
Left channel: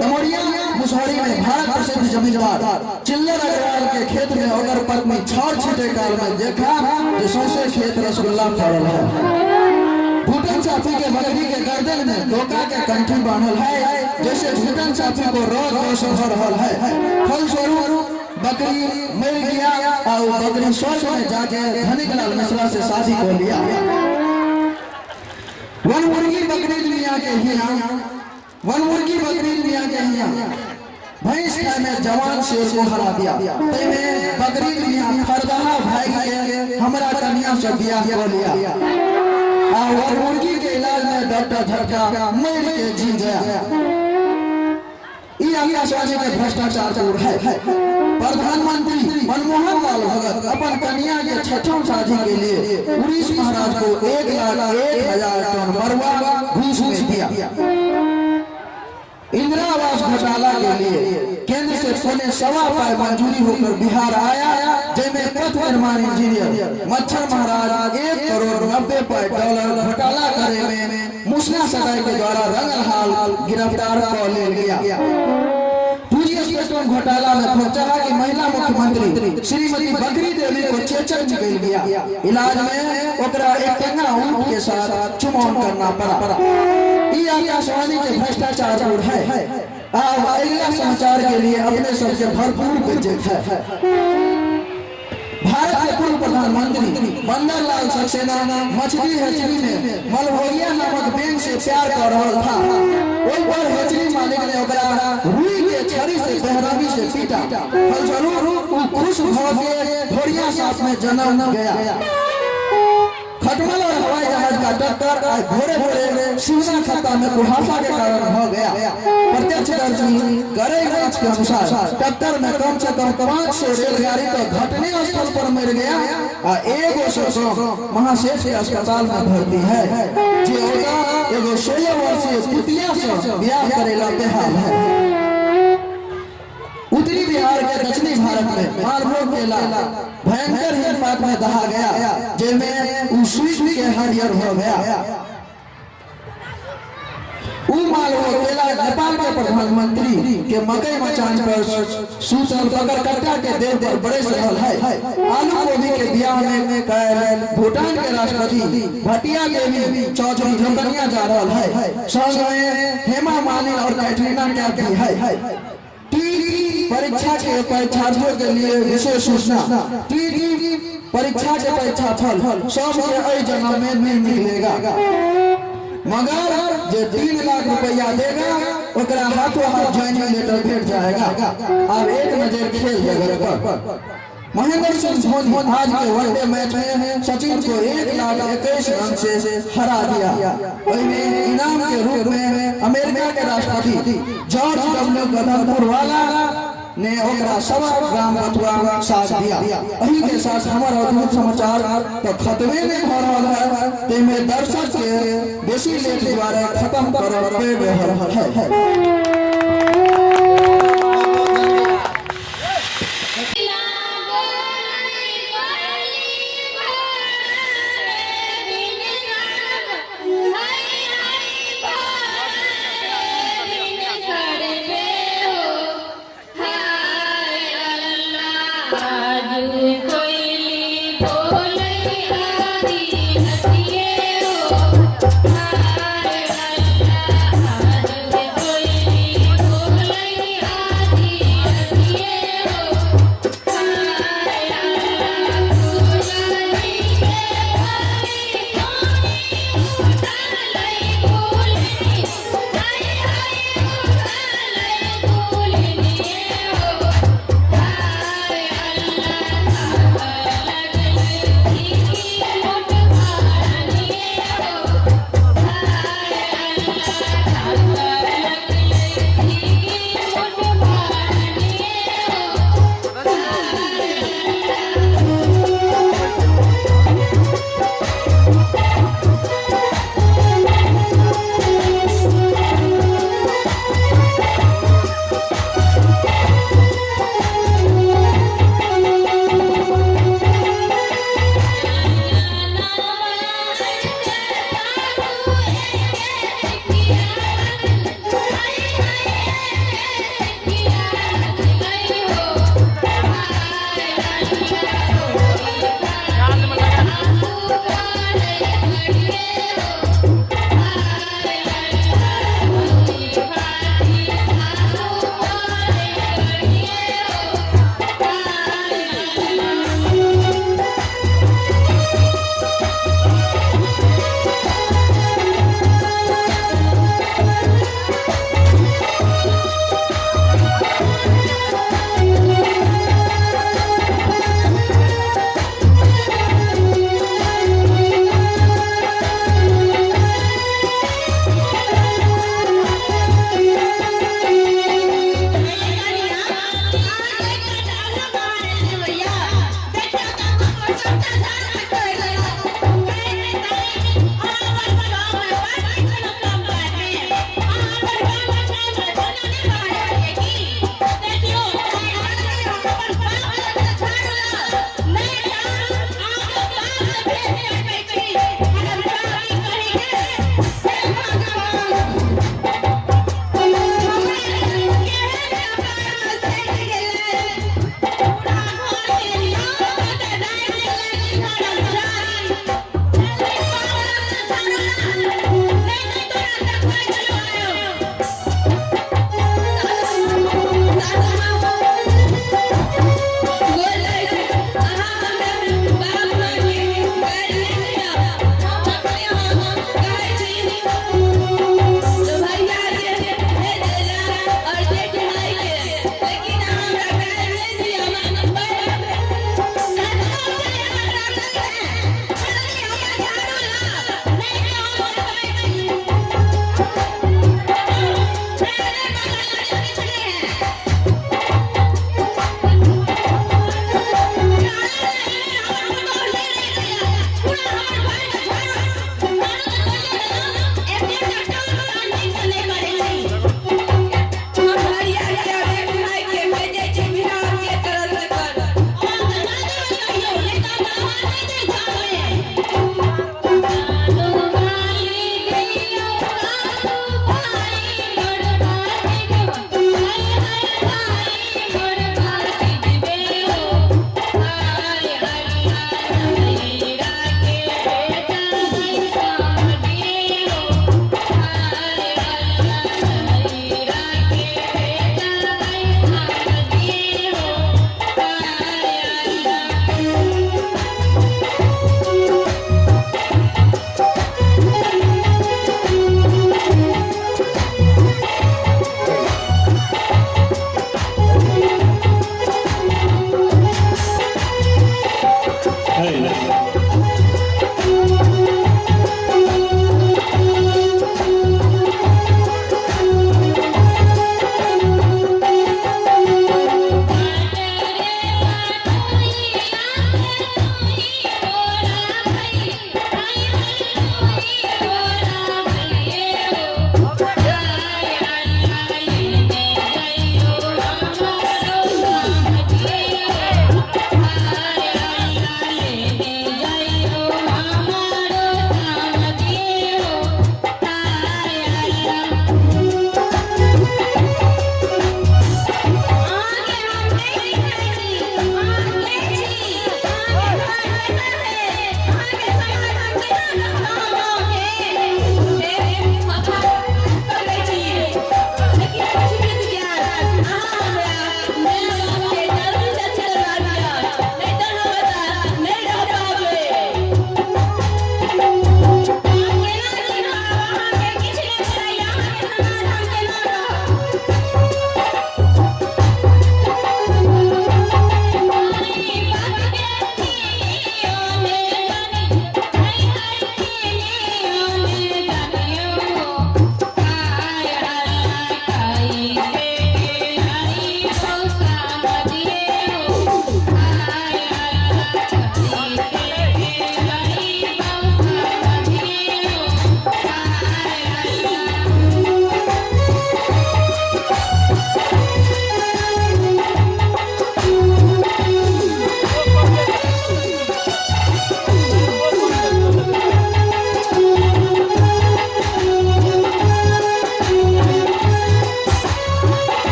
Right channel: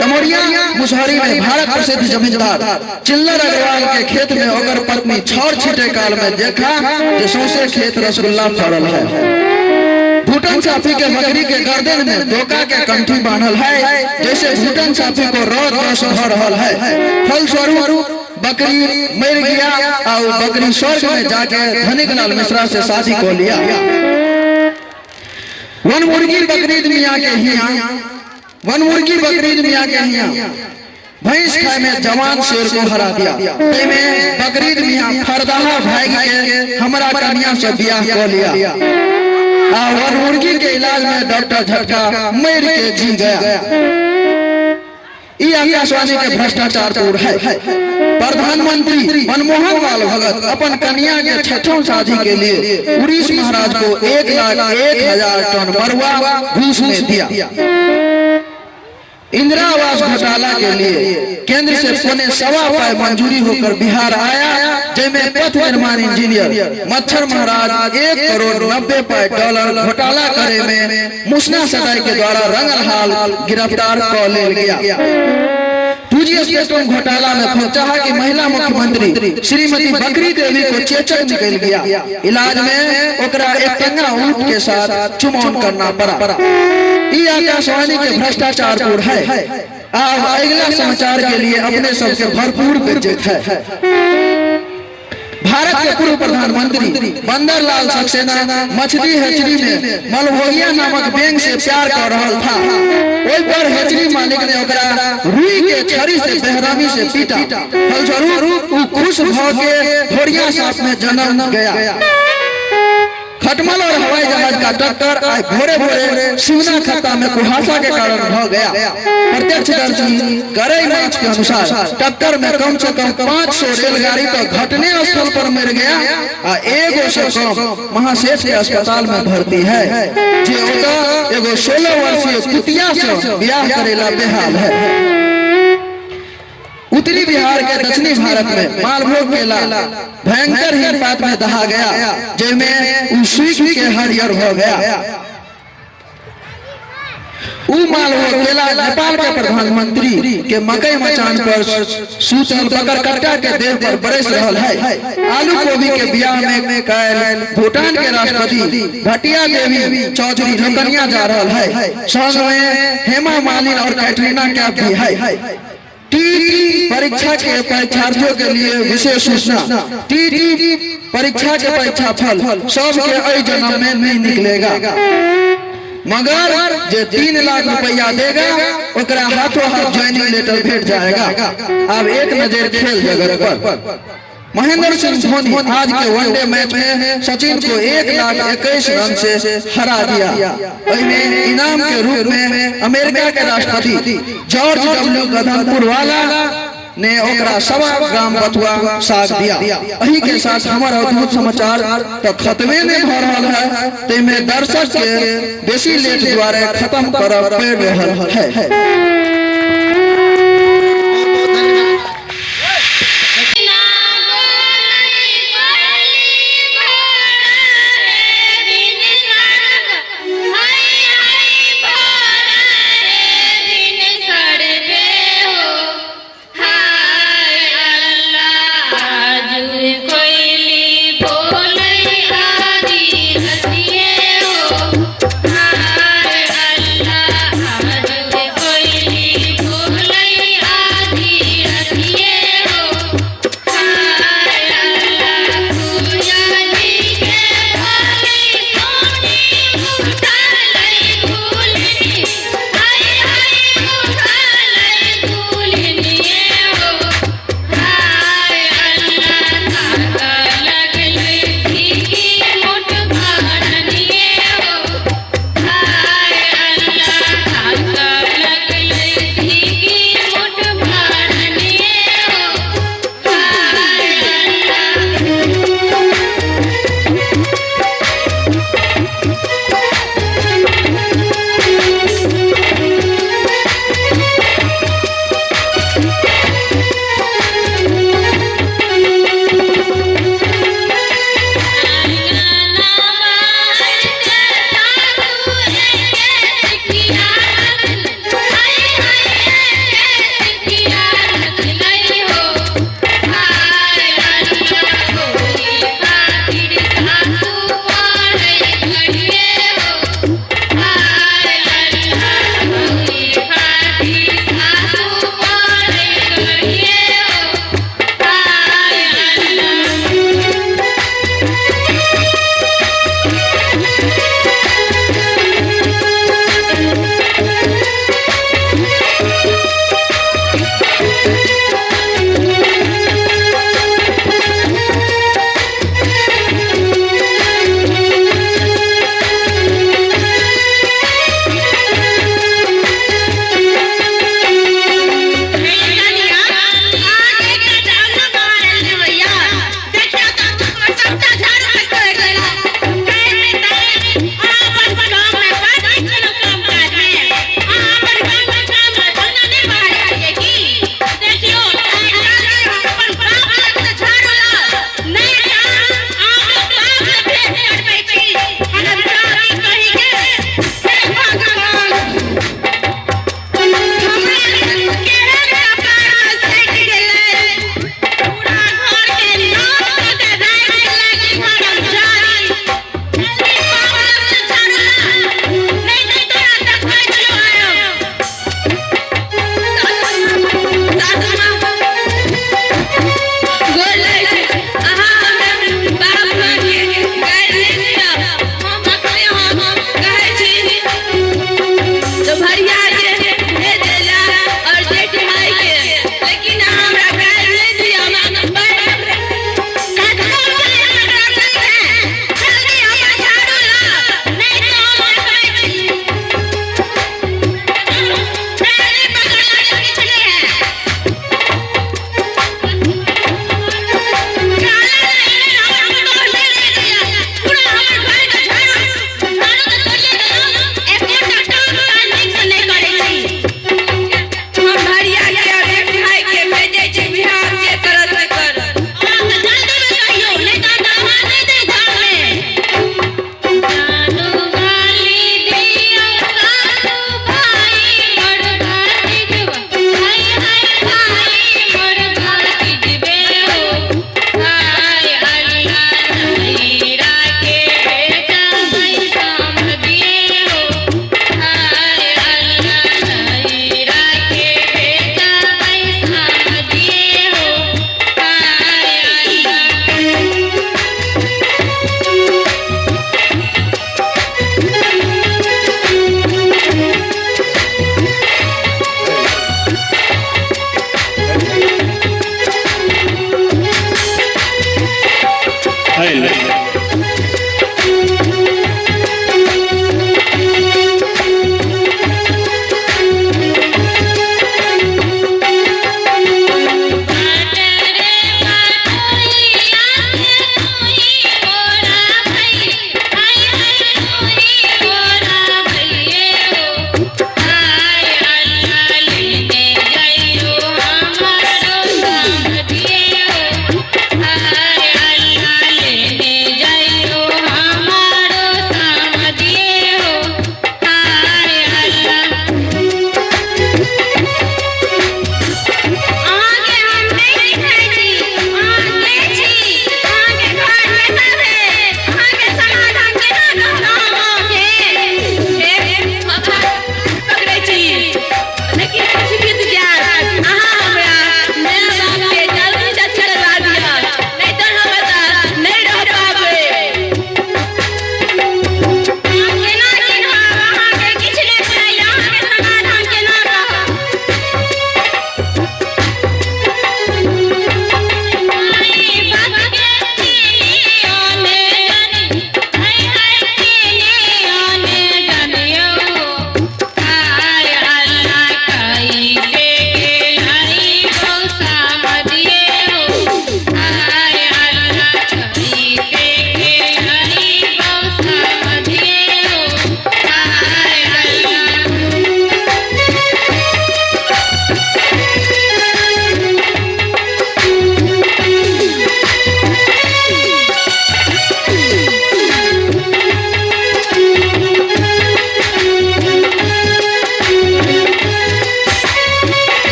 तमोरिया मुसहरी में भारत प्रसिद्ध जमींदार चिल्लर अग्रवाल के खेत में ओकर पत्नी छौर छीटे काल में देखा जो सौसे खेत रसगुल्ला फड़ल है। भूटान साफी के बकरी के गर्दन में धोखा के कंठी बांधल है जैसे भूटान साफी को रोज रोज हो रहा है। फलस्वरूप बकरी मर गया और बकरी स्वर्ग में जाके धनिक लाल मिश्रा से शादी को लिया। वन मुर्गी बकरीद मियाँ के हिया भैंस खाए में जवान शेर को हरा दिया। में बकरीद मियाँ फरदाहा भाई के हमरा कन्या से ब्याह को लिया। वन मुर्गी के इलाज में डॉक्टर झटका मर के जी गया। ये आकाशवाणी के भ्रष्टाचार पूर है। प्रधानमंत्री मनमोहन लाल भगत अपन कन्या के छठों शादी के लिए उड़ीस महाराज को 1,01,000 टन मरुआ घूस में दिया। इंदिरा आवास घोटाला के लिए केंद्र से पौने सवा पाई मंजूरी होकर बिहार आया जिसमें पथ निर्माण इंजीनियर मच्छर महाराज $1,90,00,000 घोटाला करे में मुसना सदाई के द्वारा रंगल हाल गिरफ्तार कर ले गया। घोटाला में फिर चाहा कि महिला मुख्यमंत्री श्रीमती बकरी देवी को चेचक निकल गया। इलाज में ओकरा एक टंगा ऊंट के साथ चुमौन करना पड़ा। ये आकाशवाणी के भ्रष्टाचार पूर्ण है। अगला समाचार के लिए अपने सबके भरपूर बेइज्जत है। भारत के पूर्व प्रधानमंत्री बंदरलाल सक्सेना मछली हेचरी में मलभोगिया नामक बैंक से प्यार कर रहा था। ओइ पर हेचरी मालिक ने ओकरा रुई के छड़ी से बेहरामी से पीटा। फलस्वरूप वो खुश हो के ढोरिया साथ में जन्म गया। खटमल और हवाई जहाज का टक्कर आज भोरे भोरे शिवना खत्ता में कुहासा के कारण हो गया। प्रत्यक्षदर्शी गरई मैच के अनुसार टक्कर में कम से कम 500 रेलगाड़ी तो घटने स्थल पर मर गया और एगो से कम महाशेष के अस्पताल में भर्ती है। जे एगो 16 वर्षीय कुतिया से ब्याह करेला बेहाल है। उत्तरी बिहार के दक्षिणी भारत में मालभोग केला भयंकर हिमपात में दहा गया, जिसमें सूख के हरियर हो गया। मालभोग केला नेपाल के प्रधानमंत्री के मकई मचान पर सूतल बकर कट्टा के देह पर बरस रहल है। आलू गोभी के बियाह में कैल भूटान के राष्ट्रपति भटिया देवी चौधरी लंदनिया जा रहल है। संग में हेमा मालिनी और कैटरीना कैफ भी है। टीटी परीक्षा के परीक्षार्थियों के लिए विशेष सूचना। टीटी परीक्षा के परीक्षा फल सबके अय जन्म में नहीं निकलेगा, मगर जो 3 लाख रुपया देगा ओकरा हाथों हाथ ज्वाइनिंग लेटर भेट जाएगा। अब एक नजर खेल जगत पर। महेंद्र सिंह धोनी आज के वनडे मैच में सचिन को 1,21,000 रन से हरा दिया। इनाम के रूप में अमेरिका के राष्ट्रपति जॉर्ज डब्ल्यू गधनपुर वाला ने ओकरा 1.25 ग्राम बथुआ साग दिया। यही के साथ हमारा अद्भुत समाचार तो खत्मे नहीं हो रहा है, तेमे दर्शक के बेसी लेट द्वारा खत्म कर रहल है। कोई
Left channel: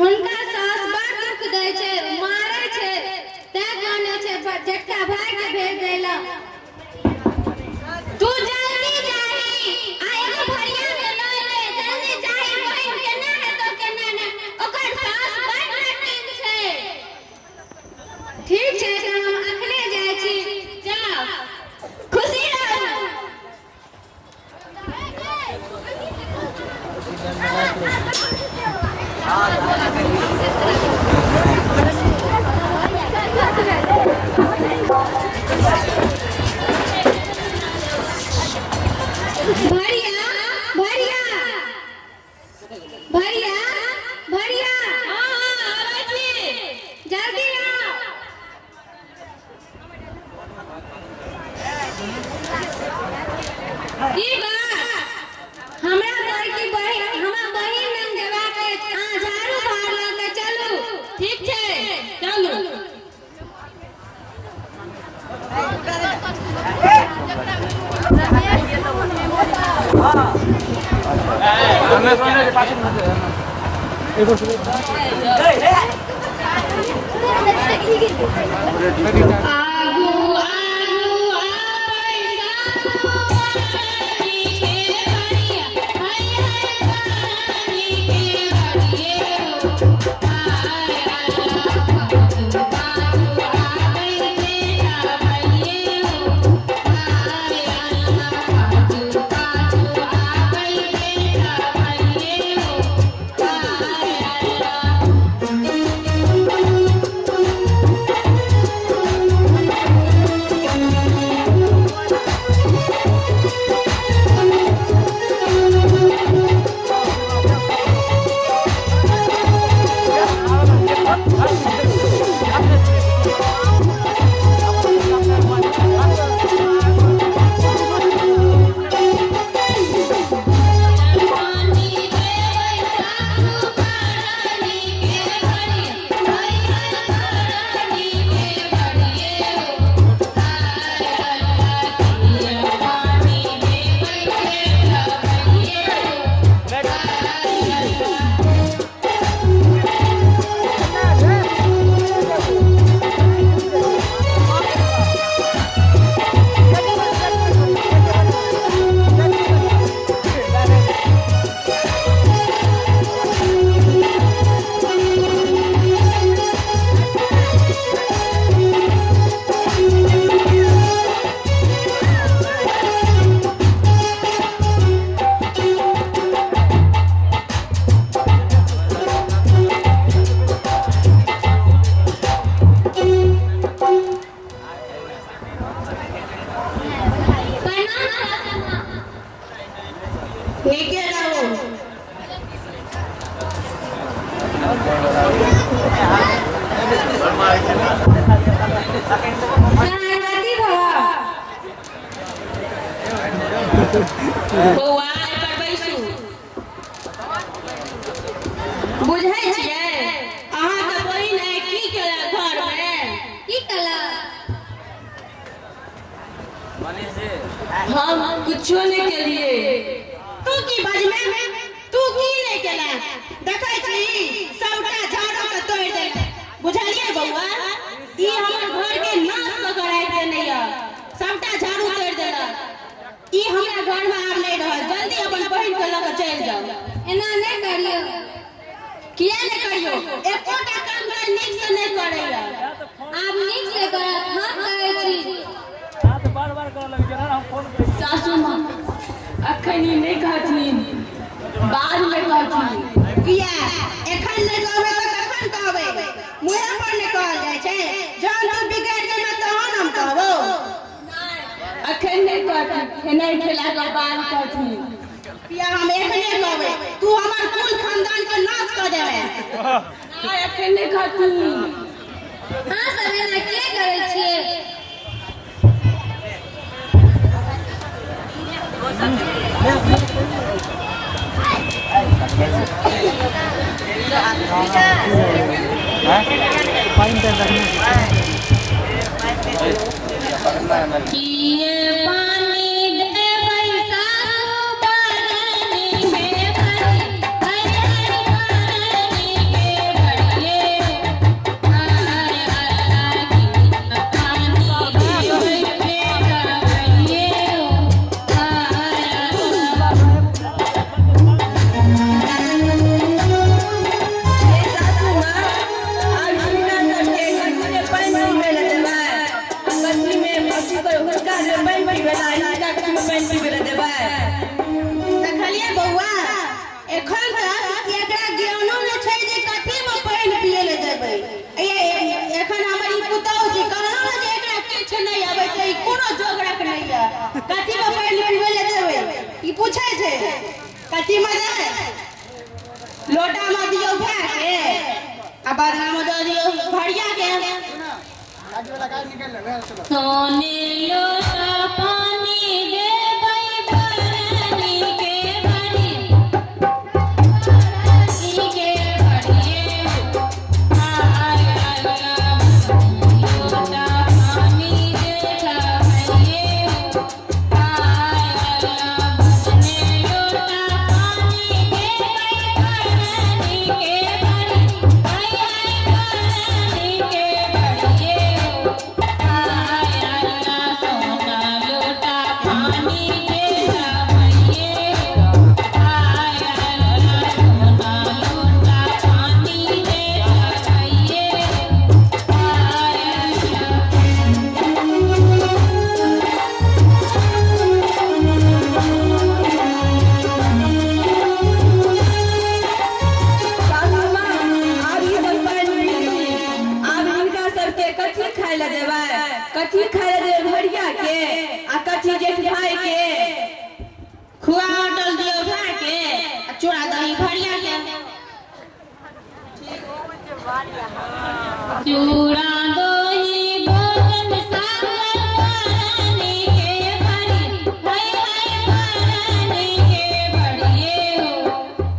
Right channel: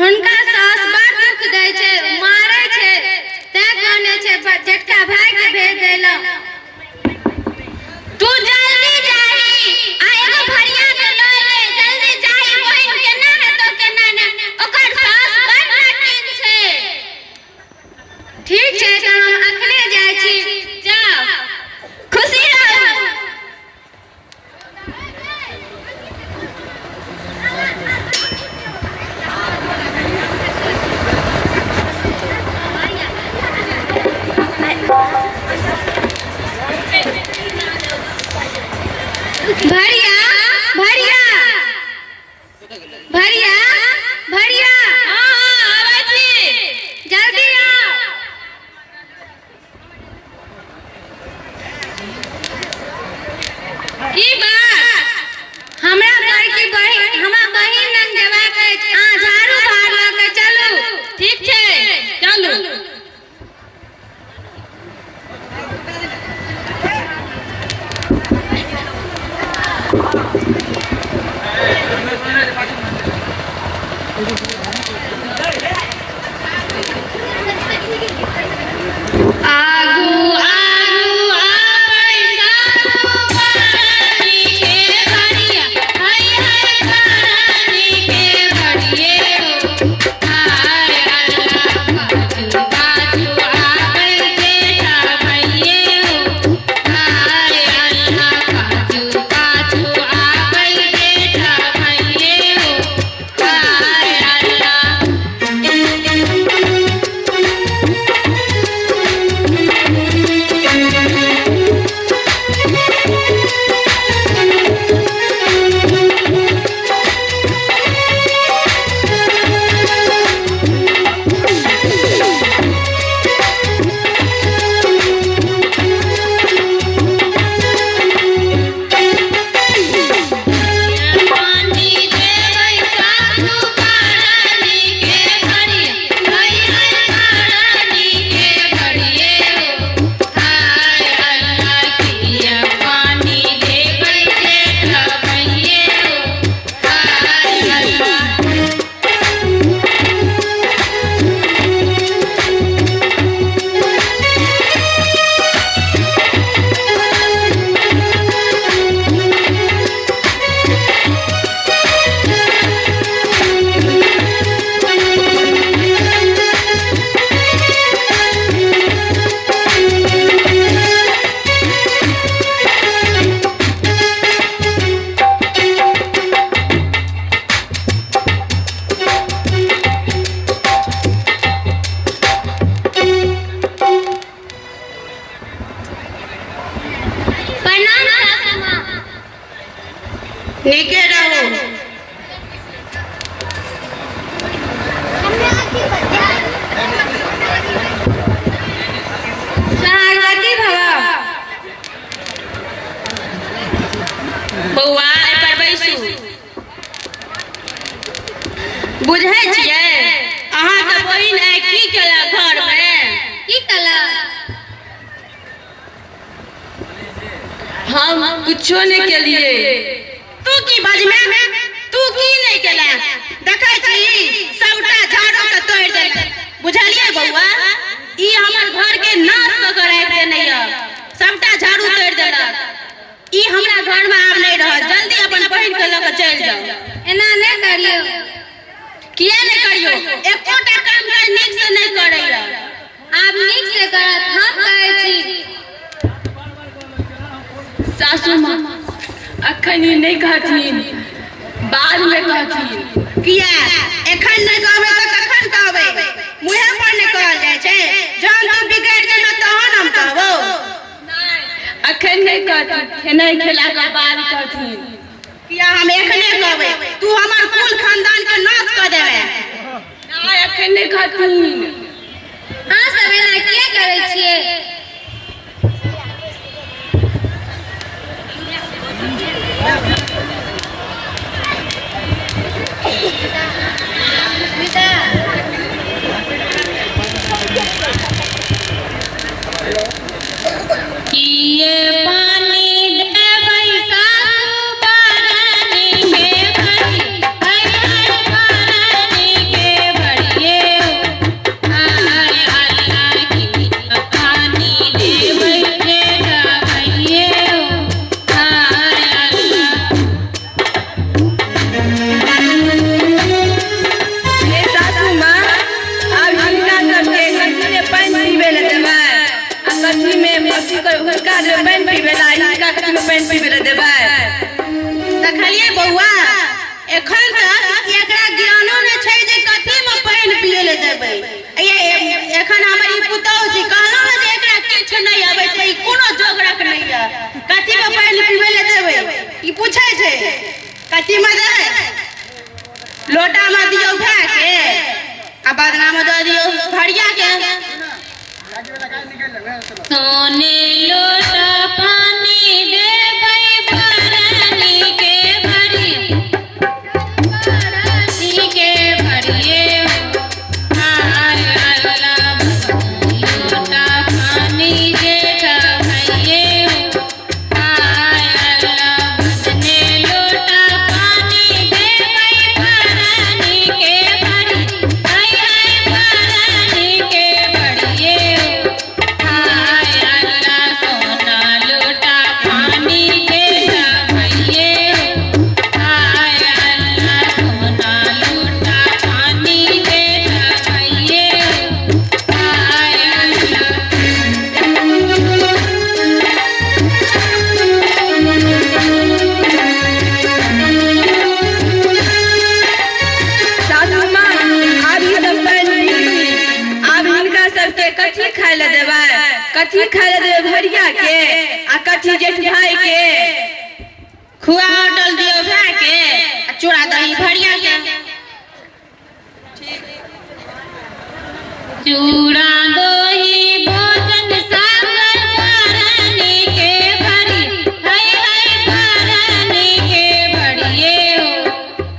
हुनका सास बड़ दुख दै छै, मारै छै, तै कहने छै जेठका भाई के भेज देला। तू जल्दी जाही आ एगो भरिया के लऽ ले, जल्दी जाही, बहिन केना हेतौ केना ने, ओकर सास बड़ नाटिन छै। ठीक छै त हम अखने जाइ छी, जाओ, खुशी रहू। भरिया भरिया भरिया भरिया, हाँ आबै छी, जल्दी आओ। की बात? हमरा घर की बहिन, हमरा बहिन लग जेबाक अछि, अहाँ झाड़ू बहार लऽ के चलू। ठीक छै, चलू। आगू आगू आबै सासु पानी के भरिया, हाय हाय पानी के भरिये हो, हाय अल्लाह पाछू पाछू आबै जेठा भइये हो, हाय अल्लाह पाछू पाछू आबै जेठा भइये हो, हाय अल्लाह। पानी देबै सासु पानी के भरिया, हाय हाय पानी के भरिये हो, हाय अल्लाह किया पानी देबै जेठा भइये हो, हाय अल्लाह। प्रणाम सासु माँ। नीके रहू। पार्वती भवा। बौआ एहि पर बैसू। बुझै छियै अहाँके बहिन आइ की केलक घरमे? की केलक? हम कुछो नहीं केलिए। तू की बजमे? तू की नहीं केला? देखै छी सबटा झाड़ू के तोड़ दे। बुझलिए बौआ, ई हमर घर के नाश क के राख देने य। सबटा झाड़ू तोड़ देलक। ई हमरा घर में आब नहीं रहत। जल्दी अपन बहिन के लऽ के चल जाओ। एना नहीं करियो। किया नहीं करियो? एकोटा काम कर नीक से नहीं करैया। आप नीक से करत, हम कहै छी। सासू माँ अखन ई नहीं कहथिन, बाद में कहथिन। किया एखन नहीं कहबै त कखन कहबै? मुँहे पर नहीं कहल जाय छै। जहन तू बिगड़ जेबे तहन हम कहबो। अखन नहीं कहथिन, खेनाइ खेला के बाद कहथिन। किया हम एखने कहबै? तू हमर कुल खानदान के नाश क देबे। नहीं अखन नहीं कहथिन। हां सब एना किया करै छियै? किए पानी देबै सासु पानी के भरी, हाय हाय पानी के कथी को पानी पीवे ले देबै ई पूछै छै कथी में दे लोटा में दियो भै के आ बदना में दे दियो भरिया के सोने लोटा पानी देबै भरनी के भरी भरनी के भरिए हाय अल्लाह लोटा पानी देता भइए हाय अल्लाह बदने लोटा पानी देबै भरनी के भरी हाय भरनी के भरिए हाय अल्लाह सोना लोटा पानी देता भइए हाय अल्लाह सोना लोटा पानी देता भइए हाय सासू माँ अब ई सब पानी अब हिनका सबके कथी खाय ले देबै कथी खाय ले देबै भरिया के आ कथी जेठ भाई के खुआ होटल दियो भाई के आ चूड़ा दही भरिया के चूड़ा दही भोजन सागर भरनी के भरी हाय भरनी के भरिए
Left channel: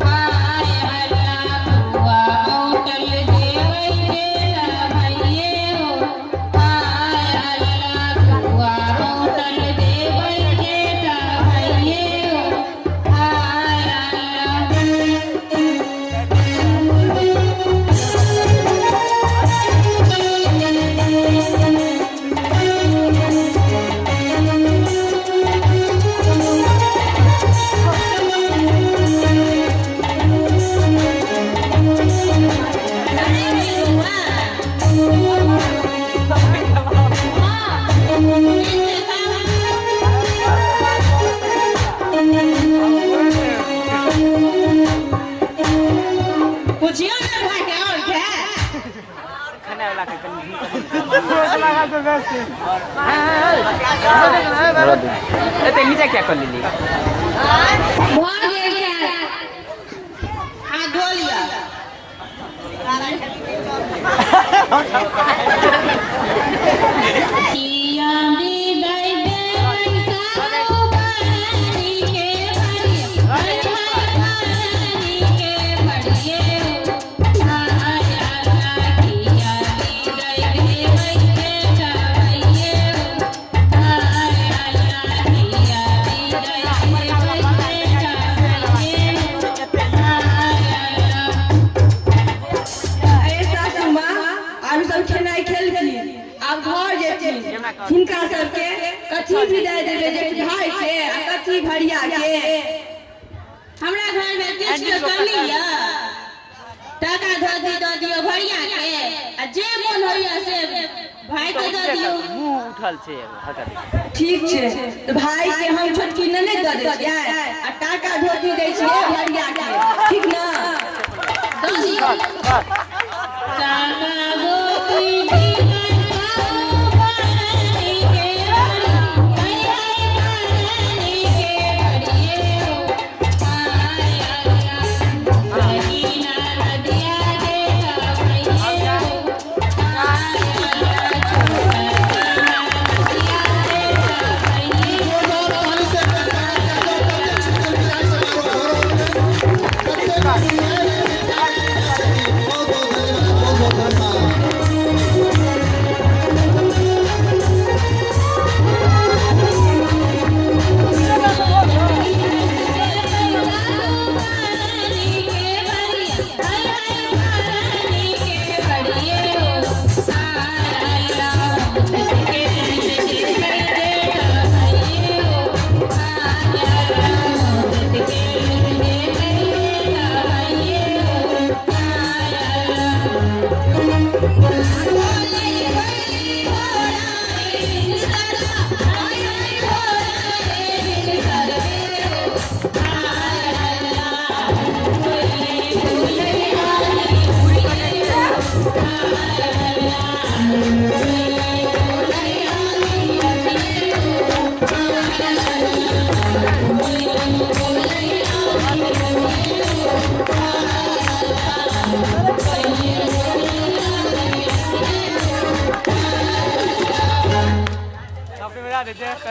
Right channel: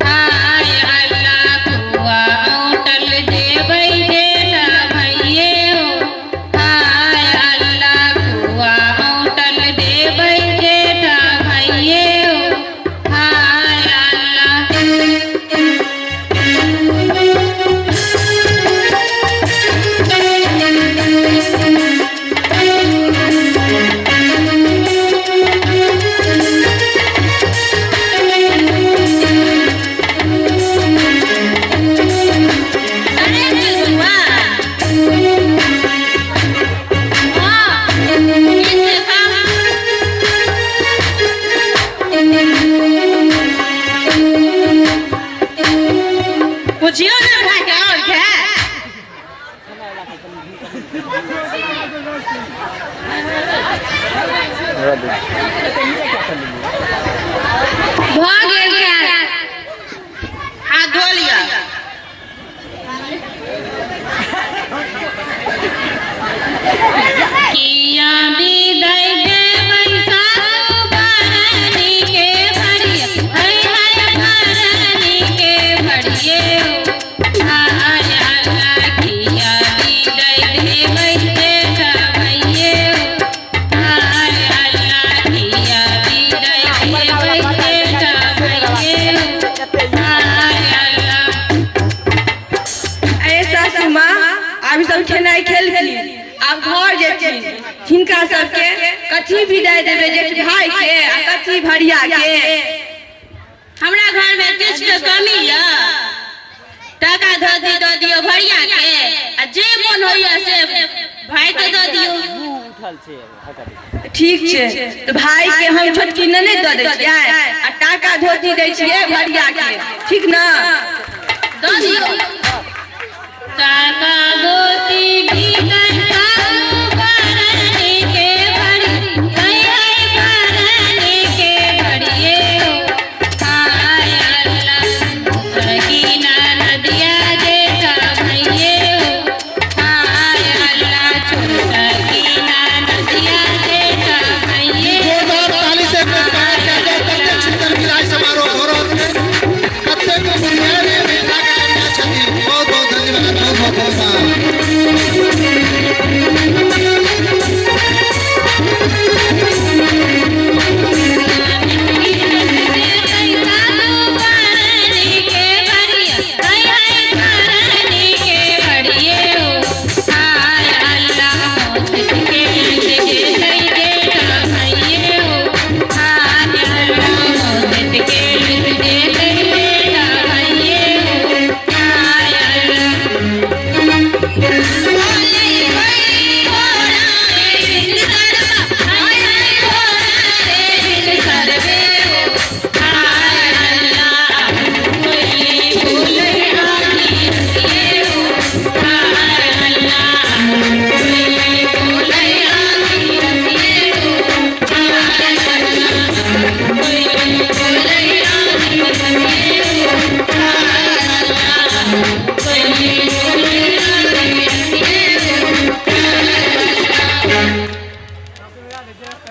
हाय अल्लाह खुआ होटल देबै जेठा भइए हाय अल्लाह खुआ होटल देबै जेठा भइए हाय अल्लाह अरे बिरुआ हां इसे खा पूछियो ना भाई के और के भाग गेल क्या हाथ धो लिया किया विदाई देबै सासू भरनी के भरिए हाय भरनी के भरिए हाय अल्लाह किया विदाई देबै जेठा भइए हाय अल्लाह किया विदाई देबै जेठा भइए हाय अल्लाह अरे सासू माँ अब सब खेनाई खेल गेली अब घर जेथिन हिनका सबके कथी विदाई देबै जेठ भाई के आ कथी भरिया के हमरा घर में किछ के कमी य टाका धोती दऽ दियो भरिया के आ जे मन होइया से भाई के दऽ दियो ठीक छै तो भाई के हम छोटकी ने दऽ दै छियै आ टाका धोती दै छियै भरिया के ठीक ना दऽ दियो टाका धोती बिगड़ सासू भरनी के भरी हाय भरनी के भरिए हाय अल्लाह भगीना नदिया जेठा भइए हाय अल्लाह छोटा गीना नदिया जेठा भइए जोरदार ताली से स्वागत करते हैं। जब तक शीतल विदाई समारोह हो रहा है, कत्ते का बिरयानी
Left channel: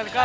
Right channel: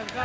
तनका